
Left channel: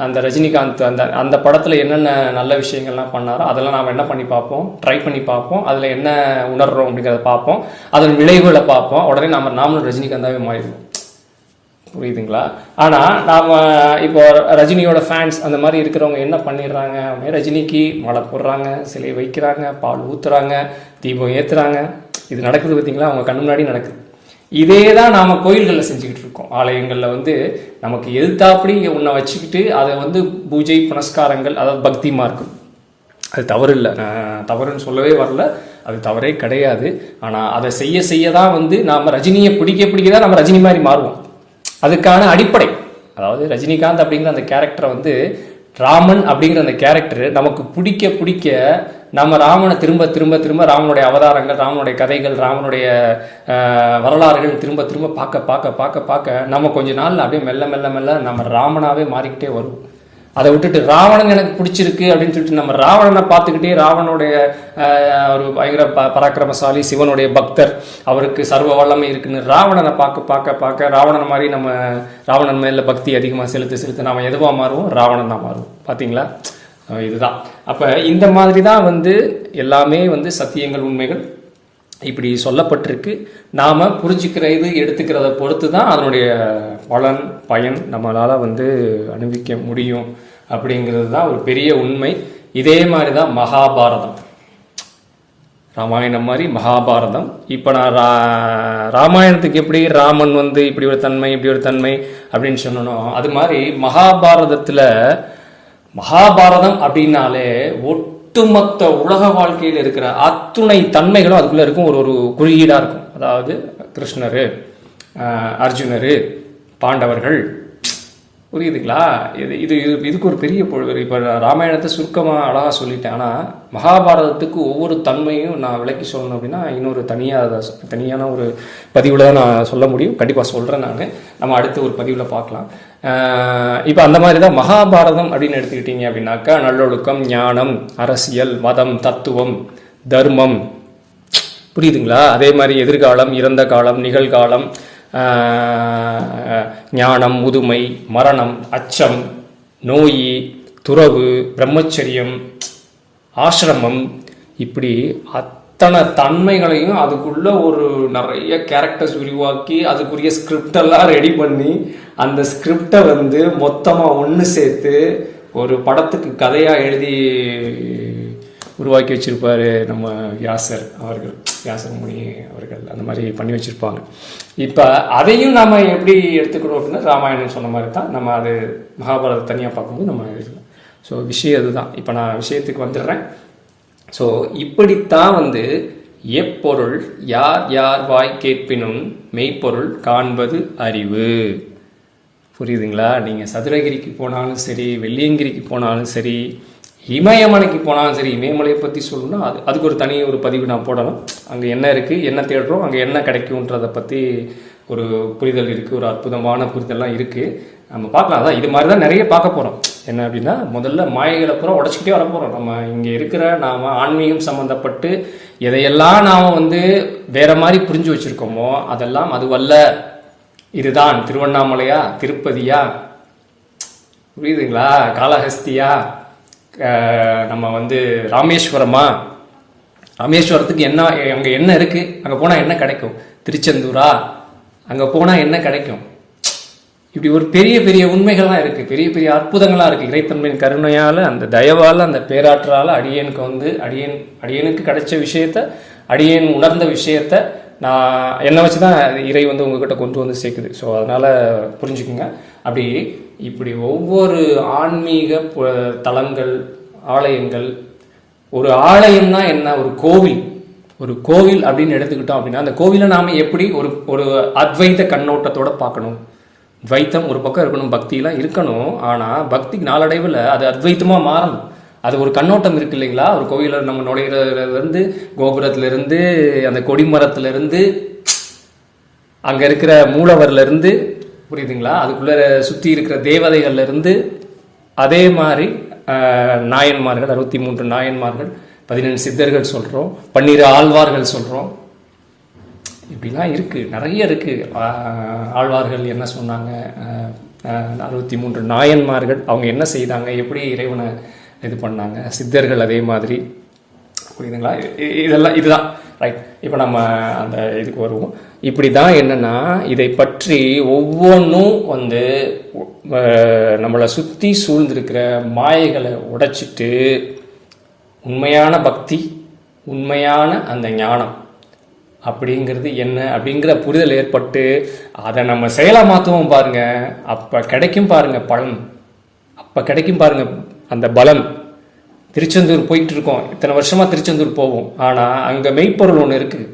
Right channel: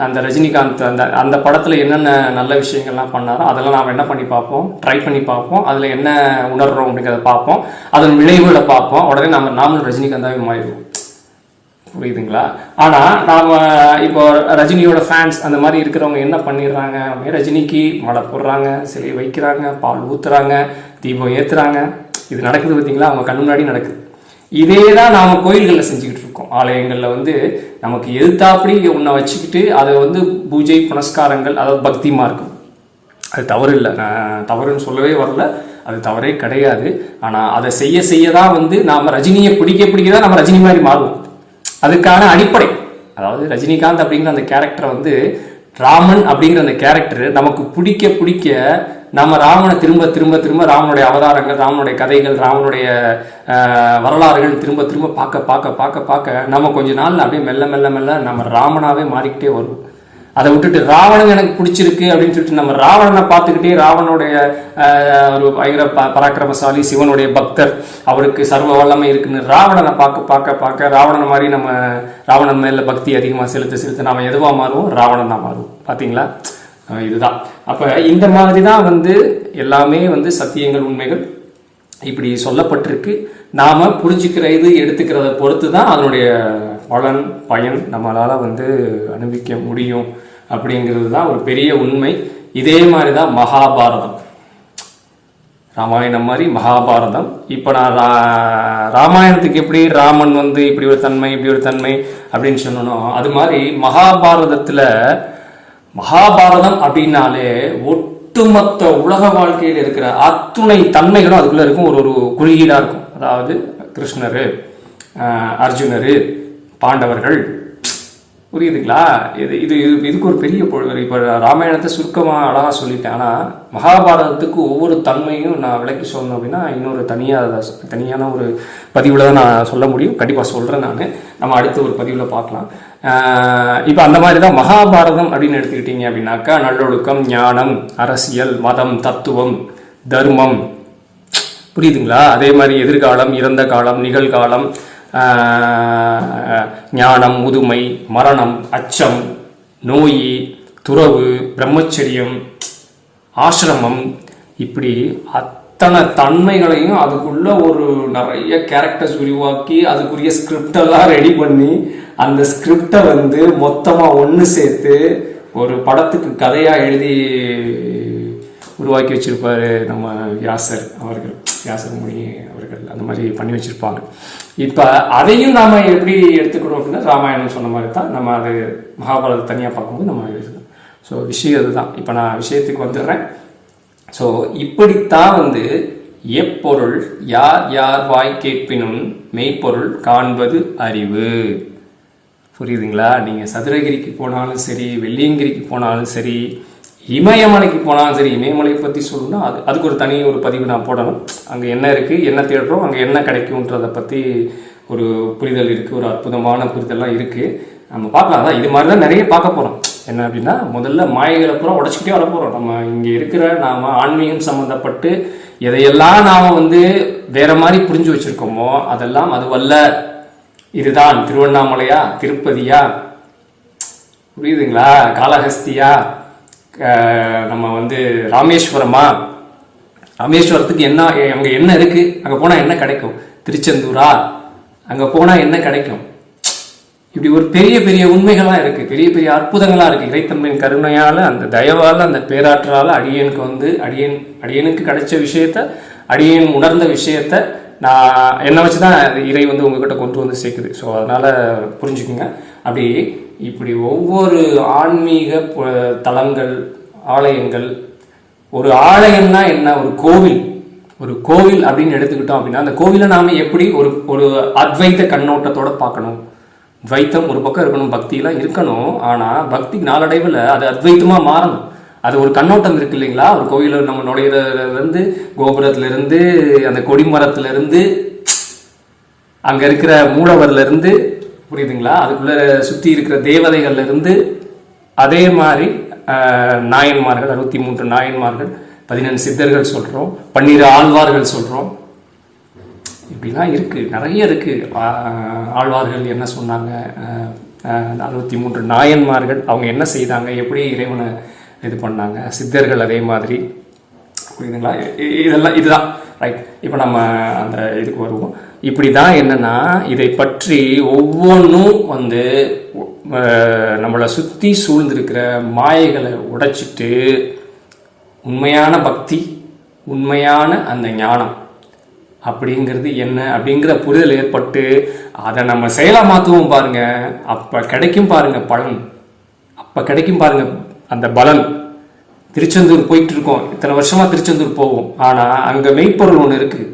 அந்த ரஜினிகாந்த் அந்த படத்துல என்னென்ன நல்ல விஷயங்கள்லாம் பண்ணாரோ அதெல்லாம் நாம் என்ன பண்ணி பார்ப்போம், ட்ரை பண்ணி பார்ப்போம், அதுல என்ன உணர்றோம் அப்படிங்கிறத பார்ப்போம், அதன் விளைவுகளை பார்ப்போம், உடனே நாமளும் ரஜினிகாந்தாவே மாறிடுவோம். புரியுதுங்களா? ஆனால் நாம் இப்போ ரஜினியோட ஃபேன்ஸ் அந்த மாதிரி இருக்கிறவங்க என்ன பண்ணிடுறாங்க, ரஜினிக்கு மாலை போடுறாங்க, சிலை வைக்கிறாங்க, பால் ஊற்றுறாங்க, தீபம் ஏற்றுறாங்க. இது நடக்குது பார்த்தீங்களா? அவங்க கண் முன்னாடி நடக்குது. இதே தான் நாம் கோயில்களில் செஞ்சுக்கிட்டு இருக்கோம். ஆலயங்களில் வந்து நமக்கு எதிர்த்தாப்படி உன்னை வச்சுக்கிட்டு அதை வந்து பூஜை புனஸ்காரங்கள், அதாவது பக்தி மார்க்கம், அது தவறு இல்லை, நான் தவறுன்னு சொல்லவே வரல, அது தவறே கிடையாது. ஆனால் அதை செய்ய தான் வந்து நாம் ரஜினியை பிடிக்க தான் நம்ம ரஜினி மாதிரி மாறுவோம். அதுக்கான அடிப்படை, அதாவது ரஜினிகாந்த் அப்படிங்கிற அந்த கேரக்டரை வந்து ராமன் அப்படிங்கிற அந்த கேரக்டர் நமக்கு பிடிக்க நம்ம ராமனை திரும்ப ராமனுடைய அவதாரங்கள், ராமனுடைய கதைகள், ராமனுடைய வரலாறுகள் திரும்ப பார்க்க நம்ம கொஞ்ச நாள் அப்படியே மெல்ல நம்ம ராமனாவே மாறிக்கிட்டே வருவோம். அதை விட்டுட்டு ராவணன் எனக்கு பிடிச்சிருக்கு அப்படின்னு சொல்லிட்டு நம்ம ராவணனை பார்த்துக்கிட்டே, ராவனுடைய ஒரு பயங்கர பராக்கிரமசாலி, சிவனுடைய பக்தர், அவருக்கு சர்வ வல்லமை இருக்குன்னு ராவணனை பார்க்க ராவணன் மாதிரி நம்ம ராவணன் மேல பக்தி அதிகமாக செலுத்த நாம எதுவாக மாறுவோம், ராவணன் தான் மாறுவோம். பார்த்தீங்களா? இதுதான். அப்போ இந்த மாதிரி தான் வந்து எல்லாமே வந்து சத்தியங்கள், உண்மைகள் இப்படி சொல்லப்பட்டிருக்கு. நாம் புரிஞ்சுக்கிற இது எடுத்துக்கிறத பொறுத்து தான் அதனுடைய பலன், பயன் நம்மளால் வந்து அனுபவிக்க முடியும் அப்படிங்கிறது தான் ஒரு பெரிய உண்மை. இதே மாதிரி தான் மகாபாரதம், ராமாயணம் மாதிரி மகாபாரதம். இப்போ நான் ராமாயணத்துக்கு எப்படி ராமன் வந்து இப்படி ஒரு தன்மை, இப்படி ஒரு தன்மை அப்படின்னு சொன்னோம், அது மாதிரி மகாபாரதம் அப்படின்னாலே ஒட்டுமொத்த உலக வாழ்க்கையில் இருக்கிற அத்துணை தன்மைகளும் அதுக்குள்ள இருக்கும். ஒரு குறியீடாக இருக்கும். அதாவது கிருஷ்ணர், அர்ஜுனர், பாண்டவர்கள், புரியுதுங்களா? இதுக்கு ஒரு பெரிய இப்போ ராமாயணத்தை சுருக்கமாக அழகாக சொல்லிட்டேன். ஆனால் மகாபாரதத்துக்கு ஒவ்வொரு தன்மையும் நான் விளக்கி சொல்லணும் அப்படின்னா இன்னொரு தனியான ஒரு பதிவில் தான் நான் சொல்ல முடியும். கண்டிப்பாக சொல்கிறேன் நான். நம்ம அடுத்த ஒரு பதிவில் பார்க்கலாம். இப்போ அந்த மாதிரி தான் மகாபாரதம் அப்படின்னு எடுத்துக்கிட்டீங்க அப்படின்னாக்கா நல்லொழுக்கம், ஞானம், அரசியல், மதம், தத்துவம், தர்மம், புரியுதுங்களா? அதே மாதிரி எதிர்காலம், இறந்த காலம், நிகழ்காலம், ஞானம், முதுமை, மரணம், அச்சம், நோய், துறவு, பிரம்மச்சரியம், ஆசிரமம், இப்படி அத்தனை தன்மைகளையும் அதுக்குள்ள ஒரு நிறைய கேரக்டர்ஸ் உருவாக்கி அதுக்குரிய ஸ்கிரிப்டெல்லாம் ரெடி பண்ணி அந்த ஸ்கிரிப்டை வந்து மொத்தமாக ஒன்று சேர்த்து ஒரு படத்துக்கு கதையாக எழுதி உருவாக்கி வச்சிருப்பாரு நம்ம வியாசர் மொழி அவர்கள். அந்த மாதிரி பண்ணி வச்சிருப்பாங்க. இப்போ அதையும் நாம் எப்படி எடுத்துக்கணும் அப்படின்னா ராமாயணம் சொன்ன மாதிரி தான் நம்ம அது மகாபாரதம் தனியாக பார்க்கும்போது நம்ம எழுதணும். ஸோ விஷயம் அதுதான். இப்போ நான் விஷயத்துக்கு வந்துடுறேன். ஸோ இப்படித்தான் வந்து எப்பொருள் யார் யார் வாய் கேட்பினும் மெய்ப்பொருள் காண்பது அறிவு. புரியுதுங்களா? நீங்கள் சதுரகிரிக்கு போனாலும் சரி, வெள்ளியங்கிரிக்கு போனாலும் சரி, இமயமலைக்கு போனாலும் சரி, இமயமலையை பற்றி சொல்லணும்னா அதுக்கு ஒரு தனி ஒரு பதிவு நான் போடணும். அங்கே என்ன இருக்குது, என்ன தேடுறோம், அங்கே என்ன கிடைக்கும்ன்றதை பற்றி ஒரு புரிதல் இருக்குது. ஒரு அற்புதமான புரிதல்லாம் இருக்குது. நம்ம பார்க்கலாம். அதான் இது மாதிரி தான் நிறைய பார்க்க போகிறோம். என்ன அப்படின்னா முதல்ல மாயைகளை பூரா உடச்சிக்கிட்டே வர போகிறோம். நம்ம இங்கே இருக்கிற நாம் ஆன்மீகம் சம்மந்தப்பட்டு எதையெல்லாம் நாம் வந்து வேற மாதிரி புரிஞ்சு வச்சுருக்கோமோ அதெல்லாம் அதுவல்ல. இதுதான் திருவண்ணாமலையா, திருப்பதியா, புரியுதுங்களா, காளஹஸ்தியா, நம்ம வந்து ராமேஸ்வரத்துக்கு என்ன, அங்கே என்ன இருக்குது, அங்கே போனால் என்ன கிடைக்கும், திருச்செந்தூரா, அங்கே போனால் என்ன கிடைக்கும், இப்படி ஒரு பெரிய பெரிய உண்மைகள்லாம் இருக்குது. பெரிய பெரிய அற்புதங்களாக இருக்குது. இறைத்தன்மையின் கருணையால், அந்த தயவால், அந்த பேராற்றால் அடியனுக்கு வந்து அடியனுக்கு கிடைச்ச விஷயத்த, அடியன் உணர்ந்த விஷயத்த நான் என்னை வச்சு தான் இறை வந்து உங்ககிட்ட கொண்டு வந்து சேர்க்குது. ஸோ அதனால் புரிஞ்சுக்குங்க. அப்படி இப்படி ஒவ்வொரு ஆன்மீக தலங்கள், ஆலயங்கள், ஒரு ஆலயம்னா என்ன, ஒரு கோவில் அப்படின்னு எடுத்துக்கிட்டோம் அப்படின்னா அந்த கோவிலை நாம் எப்படி ஒரு அத்வைத கண்ணோட்டத்தோடு பார்க்கணும். துவைத்தம் ஒரு பக்கம் இருக்கணும், பக்தியெலாம் இருக்கணும். ஆனால் பக்திக்கு நாளடைவில் அது அத்வைத்தமாக மாறணும். அது ஒரு கண்ணோட்டம் இருக்கு இல்லைங்களா? ஒரு கோயிலில் நம்ம நுழையிறதுலேருந்து, கோபுரத்துலேருந்து, அந்த கொடிமரத்துலேருந்து, அங்கே இருக்கிற மூலவர்லேருந்து, புரியுதுங்களா, அதுக்குள்ளே சுற்றி இருக்கிற தேவதைகள்லேருந்து, அதே மாதிரி நாயன்மார்கள், 63 நாயன்மார்கள், 14 சித்தர்கள் சொல்கிறோம், 12 ஆழ்வார்கள் சொல்கிறோம். இப்படிலாம் இருக்குது, நிறைய இருக்குது. ஆழ்வார்கள் என்ன சொன்னாங்க, 63 நாயன்மார்கள் அவங்க என்ன செய்தாங்க, எப்படி இறைவனை இது பண்ணாங்க, சித்தர்கள் அதே மாதிரி, புரியுதுங்களா? இதுதான் ரைட். இப்போ நம்ம அந்த இதுக்கு வருவோம். இப்படி தான் என்னென்னா இதை பற்றி ஒவ்வொன்றும் வந்து நம்மளை சுற்றி சூழ்ந்திருக்கிற மாயைகளை உடைச்சிட்டு உண்மையான பக்தி, உண்மையான அந்த ஞானம் அப்படிங்கிறது என்ன அப்படிங்கிற புரிதல் ஏற்பட்டு அதை நம்ம செயலாக மாற்றுவோம் பாருங்கள். அப்போ கிடைக்கும் பாருங்கள் பலன், அப்போ கிடைக்கும் பாருங்கள் அந்த பலன். திருச்செந்தூர் போயிட்டு இருக்கோம், இத்தனை வருஷமாக திருச்செந்தூர் போவோம், ஆனால் அங்கே மெய்ப்பொருள் ஒன்று இருக்குது.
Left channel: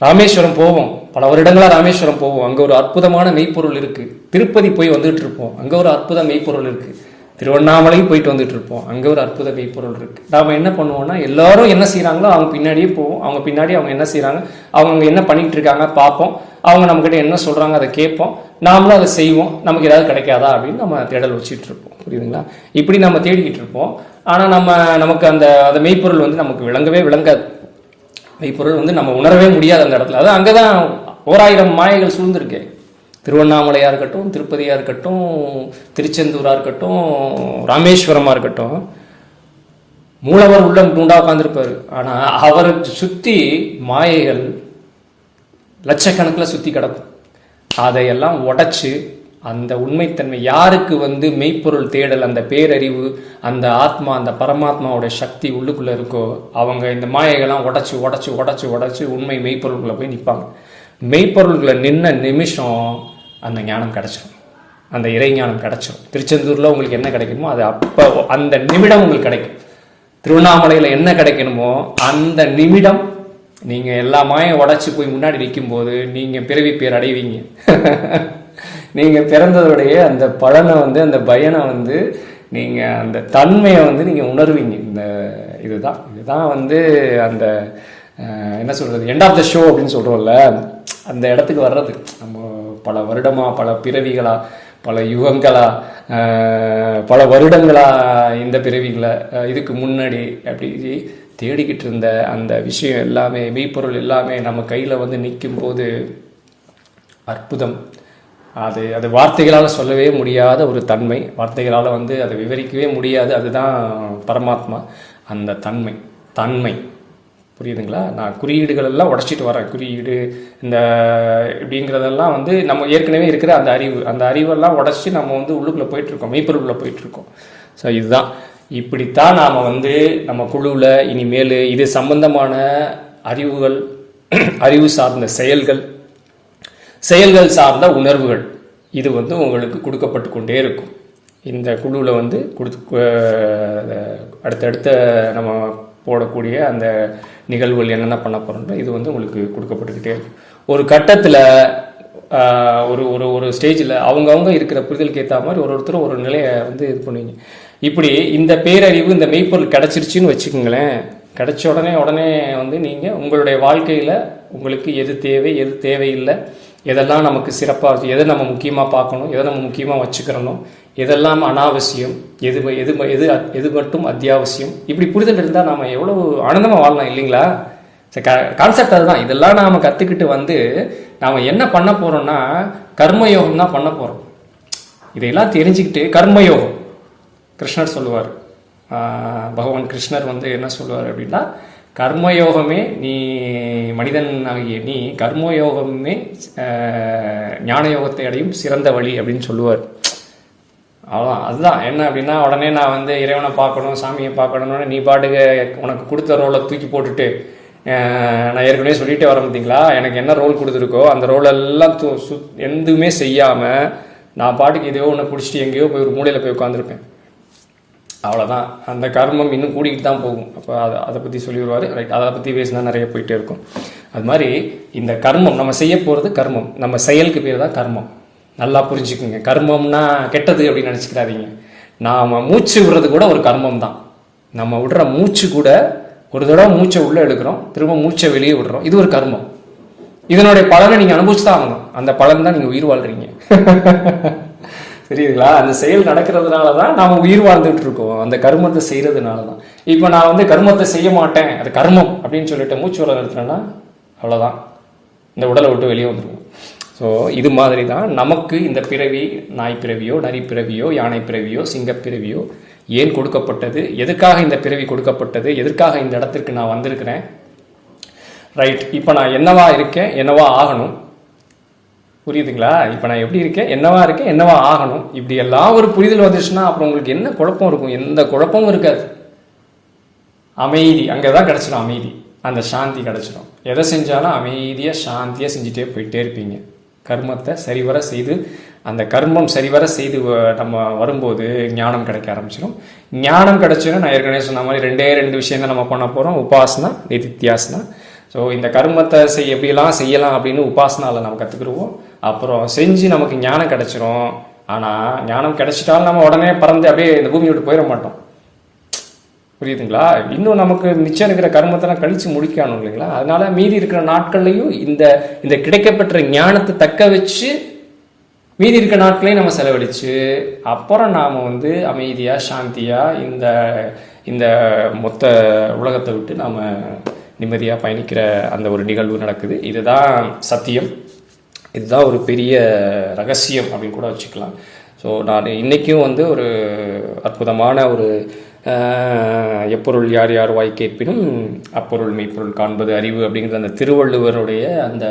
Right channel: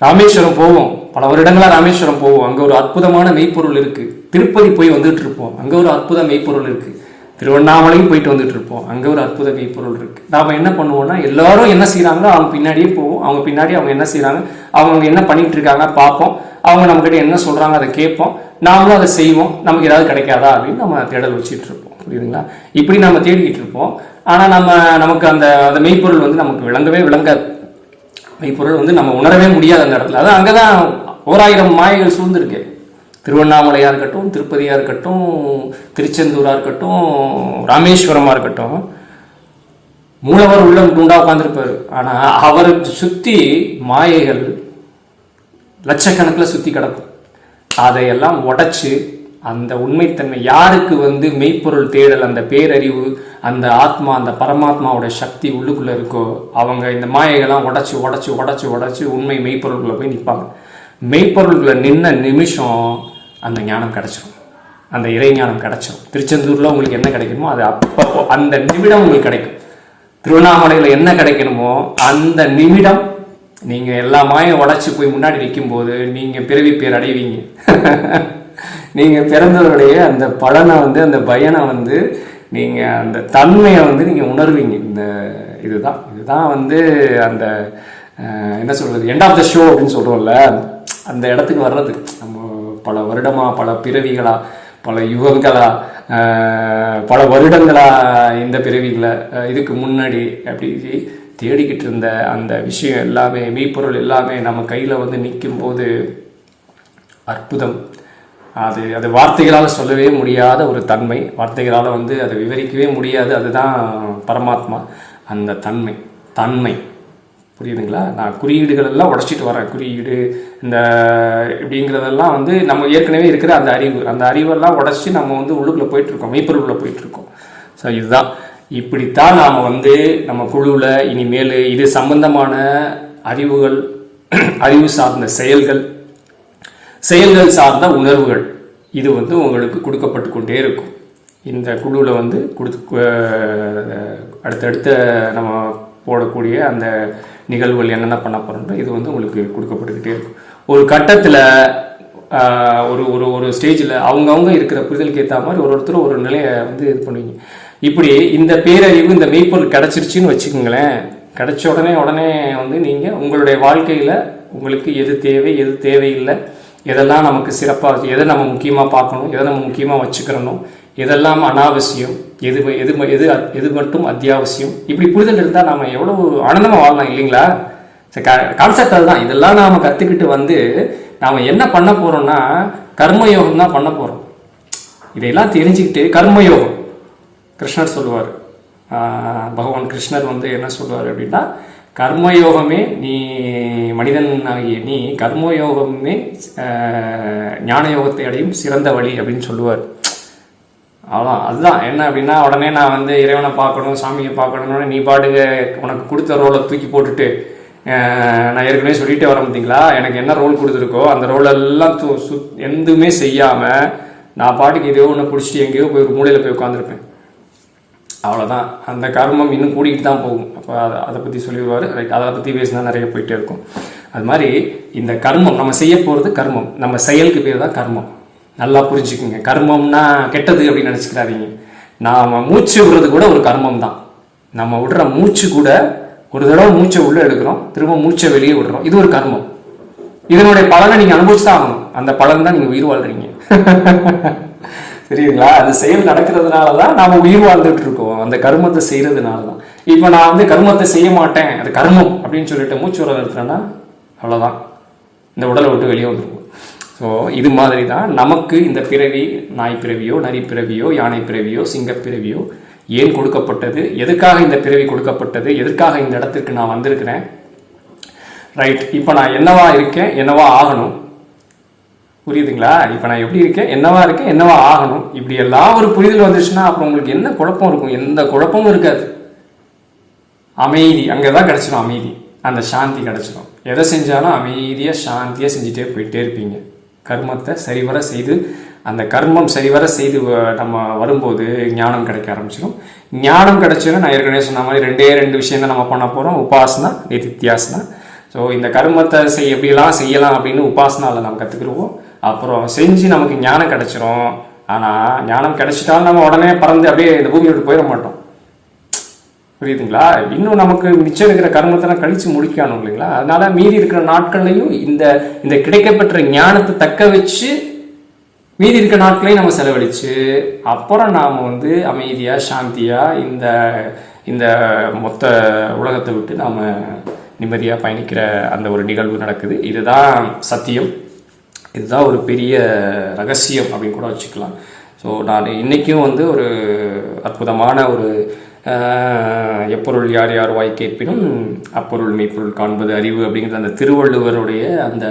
ராமேஸ்வரம் போவோம், பல வருடங்களாக ராமேஸ்வரம் போவோம், அங்கே ஒரு அற்புதமான மெய்ப்பொருள் இருக்குது. திருப்பதி போய் வந்துட்டு இருப்போம், அங்கே ஒரு அற்புத மெய்ப்பொருள் இருக்குது. திருவண்ணாமலையும் போயிட்டு வந்துட்டு இருப்போம், அங்கே ஒரு அற்புத மெய்ப்பொருள் இருக்குது. நாம் என்ன பண்ணுவோம்னா எல்லாரும் என்ன செய்கிறாங்களோ அவங்க பின்னாடியே போவோம். அவங்க பின்னாடி அவங்க என்ன செய்கிறாங்க, அவங்க என்ன பண்ணிகிட்டு இருக்காங்க பார்ப்போம். அவங்க நம்மக்கிட்ட என்ன சொல்கிறாங்க அதை கேட்போம், நாமளும் அதை செய்வோம். நமக்கு ஏதாவது கிடைக்காதா அப்படின்னு நம்ம தேடல் வச்சுட்டு இருப்போம். புரியுதுங்களா? இப்படி நம்ம தேடிக்கிட்டு இருப்போம். ஆனால் நமக்கு அந்த மெய்ப்பொருள் வந்து நமக்கு விளங்காது. மெய்ப்பொருள் வந்து நம்ம உணரவே முடியாது அந்த இடத்துல. அதான் அங்கே தான் 1000 மாயைகள் சூழ்ந்திருக்கு. திருவண்ணாமலையாக இருக்கட்டும், திருப்பதியாக இருக்கட்டும், திருச்செந்தூராக இருக்கட்டும், ராமேஸ்வரமாக இருக்கட்டும், மூலவர் உள்ள குண்டா உட்காந்துருப்பார். ஆனால் அவருக்கு சுற்றி மாயைகள் லட்சக்கணக்கில் சுற்றி கிடக்கும். அதையெல்லாம் உடைச்சு அந்த உண்மைத்தன்மை யாருக்கு மெய்ப்பொருள் தேடல், அந்த பேரறிவு, அந்த ஆத்மா, அந்த பரமாத்மாவோட சக்தி உள்ளுக்குள்ளே இருக்கோ அவங்க இந்த மாயைகள்லாம் உடச்சி உடச்சி உடச்சி உடச்சி உண்மை மெய்ப்பொருள்குள்ளே போய் நிற்பாங்க. மெய்ப்பொருள்களை நின்ன நிமிஷம் அந்த ஞானம் கிடச்சிரும், அந்த இறை ஞானம் கிடச்சிரும். திருச்செந்தூரில் உங்களுக்கு என்ன கிடைக்கணுமோ அது அப்போ அந்த நிமிடம் உங்களுக்கு கிடைக்கும். திருவண்ணாமலையில் என்ன கிடைக்கணுமோ அந்த நிமிடம் நீங்கள் எல்லா மாயம் உடச்சி போய் முன்னாடி நிற்கும்போது நீங்கள் பிறவி பேர் அடைவீங்க. நீங்கள் பிறந்ததோடைய அந்த பலனை அந்த பயனை நீங்கள் அந்த தன்மையை நீங்கள் உணர்வீங்க. இதுதான் அந்த என்ன சொல்கிறது, எண்ட் ஆஃப் த ஷோ அப்படின்னு சொல்கிறோம்ல, அந்த இடத்துக்கு வர்றது. நம்ம பல வருடமாக, பல பிறவிகளா, பல யுகங்களா, பல வருடங்களா, இந்த பிறவிகளை இதுக்கு முன்னாடி அப்படி தேடிக்கிட்டு இருந்த அந்த விஷயம் எல்லாமே, மெய்ப்பொருள் எல்லாமே நம்ம கையில் நிற்கும்போது அற்புதம். அது வார்த்தைகளால் சொல்லவே முடியாத ஒரு தன்மை, வார்த்தைகளால் அதை விவரிக்கவே முடியாது. அதுதான் பரமாத்மா, அந்த தன்மை. புரியுதுங்களா? நான் குறியீடுகள் எல்லாம் உடச்சிட்டு வரேன். குறியீடு இந்த இப்படிங்கிறதெல்லாம் நம்ம ஏற்கனவே இருக்கிற அந்த அறிவெல்லாம் உடச்சி நம்ம உள்ளுக்குள்ளே போயிட்டுருக்கோம், மெய்ப்பொருளுக்குள்ளே போயிட்டுருக்கோம். ஸோ இதுதான், இப்படித்தான் நாம் நம்ம குழுவில் இனிமேல் இது சம்பந்தமான அறிவுகள், அறிவு சார்ந்த செயல்கள் சார்ந்த உணர்வுகள் இது உங்களுக்கு கொடுக்கப்பட்டு கொண்டே இருக்கும். இந்த குழுவில் அடுத்தடுத்த நம்ம போடக்கூடிய அந்த நிகழ்வுகள் என்னென்ன பண்ண போகிறோம்னா இது உங்களுக்கு கொடுக்கப்பட்டுக்கிட்டே இருக்கும். ஒரு கட்டத்தில் ஒரு ஸ்டேஜில் அவங்கவுங்க இருக்கிற புரிதலுக்கு ஏற்ற மாதிரி ஒருத்தர் ஒரு நிலையை இது பண்ணுவீங்க. இப்படி இந்த பேரறிவு, இந்த மெய்ப்பொருள் கிடச்சிருச்சின்னு வச்சுக்கோங்களேன். கிடச்ச உடனே நீங்கள் உங்களுடைய வாழ்க்கையில் உங்களுக்கு எது தேவை, எது தேவையில்லை, எதெல்லாம் நமக்கு சிறப்பாக இருக்குது, எதை நம்ம முக்கியமாக பார்க்கணும், எதை நம்ம முக்கியமாக வச்சுக்கிறணும், எதெல்லாம் அனாவசியம், எது மட்டும் அத்தியாவசியம், இப்படி புரிதல் இருந்தால் நாம் எவ்வளோ ஆனந்தமாக வாழலாம் இல்லைங்களா? கான்செப்ட் அதுதான். இதெல்லாம் நாம் கற்றுக்கிட்டு நாம் என்ன பண்ண போகிறோம்னா கர்மயோகம் தான் பண்ண போகிறோம். இதையெல்லாம் தெரிஞ்சுக்கிட்டு கர்மயோகம், கிருஷ்ணர் சொல்லுவார், பகவான் கிருஷ்ணர் என்ன சொல்லுவார் அப்படின்னா, கர்மயோகமே நீ மனிதன் ஆகிய நீ கர்மயோகமே ஞான யோகத்தை அடையும் சிறந்த வழி அப்படின்னு சொல்லுவார். அவ்வளோ அதுதான். என்ன அப்படின்னா உடனே நான் இறைவனை பார்க்கணும், சாமியை பார்க்கணும்னு நீ பாட்டுக்கு உனக்கு கொடுத்த ரோலை தூக்கி போட்டுட்டு, நான் ஏற்கனவே சொல்லிகிட்டே வர பார்த்தீங்களா, எனக்கு என்ன ரோல் கொடுத்துருக்கோ அந்த ரோலெல்லாம் எதுவுமே செய்யாமல் நான் பாட்டுக்கு எதையோ ஒன்று பிடிச்சிட்டு எங்கேயோ போய் ஒரு மூலையில் போய் உட்காந்துருப்பேன். அவ்வளோதான். அந்த கர்மம் இன்னும் கூடிக்கிட்டு தான் போகும். அப்போ அதை பற்றி சொல்லிடுவார். ரைட், அதை பற்றி பேசினா நிறைய போயிட்டே இருக்கும். அது மாதிரி இந்த கர்மம் நம்ம செய்ய போகிறது கர்மம், நம்ம செயலுக்கு பேர் தான் கர்மம். நல்லா புரிஞ்சுக்குங்க. கர்மம்னா கெட்டது அப்படின்னு நினச்சிக்கிறாதீங்க. நாம் மூச்சு விடுறது கூட ஒரு கர்மம் தான். நம்ம விடுற மூச்சு கூட, ஒரு தடவை மூச்சை உள்ளே எடுக்கிறோம், திரும்ப மூச்சை வெளியே விடுறோம், இது ஒரு கர்மம். இதனுடைய பலனை நீங்கள் அனுபவிச்சு தான் ஆகணும். அந்த பலன் தான் நீங்கள் உயிர் வாழ்றீங்க. தெரியுங்களா? அந்த செயல் நடக்கிறதுனால தான் நாம் உயிர் வாழ்ந்துட்டு இருக்கோம், அந்த கர்மத்தை செய்கிறதுனால தான். இப்போ நான் கர்மத்தை செய்ய மாட்டேன், அது கர்மம் அப்படின்னு சொல்லிட்டு மூச்சு வர நிறுத்தினேன்னா அவ்வளோதான், இந்த உடலை விட்டு வெளியே வந்துடுவோம். ஸோ இது மாதிரி தான் நமக்கு இந்த பிறவி, நாய் பிறவியோ, நரி பிறவியோ, யானை பிறவியோ, சிங்கப்பிறவியோ ஏன் கொடுக்கப்பட்டது, எதுக்காக இந்த பிறவி கொடுக்கப்பட்டது, எதற்காக இந்த இடத்திற்கு நான் வந்திருக்கிறேன். ரைட், இப்போ நான் என்னவா இருக்கேன், என்னவா ஆகணும், புரியுதுங்களா? இப்போ நான் எப்படி இருக்கேன், என்னவா இருக்கேன், என்னவா ஆகணும், இப்படி எல்லாம் ஒரு புரிதல் வந்துச்சுன்னா அப்புறம் உங்களுக்கு என்ன குழப்பம் இருக்கும்? எந்த குழப்பமும் இருக்காது. அமைதி அங்கே தான் கிடச்சிடும். அமைதி, அந்த சாந்தி கிடச்சிடும். எதை செஞ்சாலும் அமைதியாக சாந்தியாக செஞ்சுட்டே போயிட்டே இருப்பீங்க. கர்மத்தை சரிவர செய்து, அந்த கர்மம் சரிவர செய்து நம்ம வரும்போது ஞானம் கிடைக்க ஆரம்பிச்சிடும். ஞானம் கிடைச்சோன்னா நான் ஏற்கனவே சொன்ன மாதிரி ரெண்டு விஷயம் தான் நம்ம பண்ண போகிறோம், உபாசனா, நிதித்தியாசனா. ஸோ இந்த கர்மத்தை எப்படிலாம் செய்யலாம் அப்படின்னு உபாசனாவில் நம்ம கற்றுக்குருவோம். அப்புறம் செஞ்சு நமக்கு ஞானம் கிடச்சிரும். ஆனால் ஞானம் கிடைச்சிட்டாலும் நம்ம உடனே பறந்து அப்படியே இந்த பூமியை விட்டு போயிட மாட்டோம். புரியுதுங்களா? இன்னும் நமக்கு மிச்சம் இருக்கிற கர்மத்தெல்லாம் கழித்து முடிக்கணும் இல்லைங்களா? அதனால மீதி இருக்கிற நாட்கள்லையும் இந்த கிடைக்கப்பெற்ற ஞானத்தை தக்க வச்சு மீதி இருக்கிற நாட்களையும் நம்ம செலவழித்து அப்புறம் நாம் அமைதியாக சாந்தியாக இந்த மொத்த உலகத்தை விட்டு நாம் நிம்மதியாக பயணிக்கிற அந்த ஒரு நிகழ்வு நடக்குது. இதுதான் சத்தியம். இதுதான் ஒரு பெரிய ரகசியம் அப்படின்னு கூட வச்சுக்கலாம். ஸோ நான் இன்றைக்கும் வந்து ஒரு அற்புதமான ஒரு எப்பொருள் யார் யார் வாய் கேட்பினும் அப்பொருள் மெய்ப்பொருள் காண்பது அறிவு அப்படிங்கிற அந்த திருவள்ளுவருடைய அந்த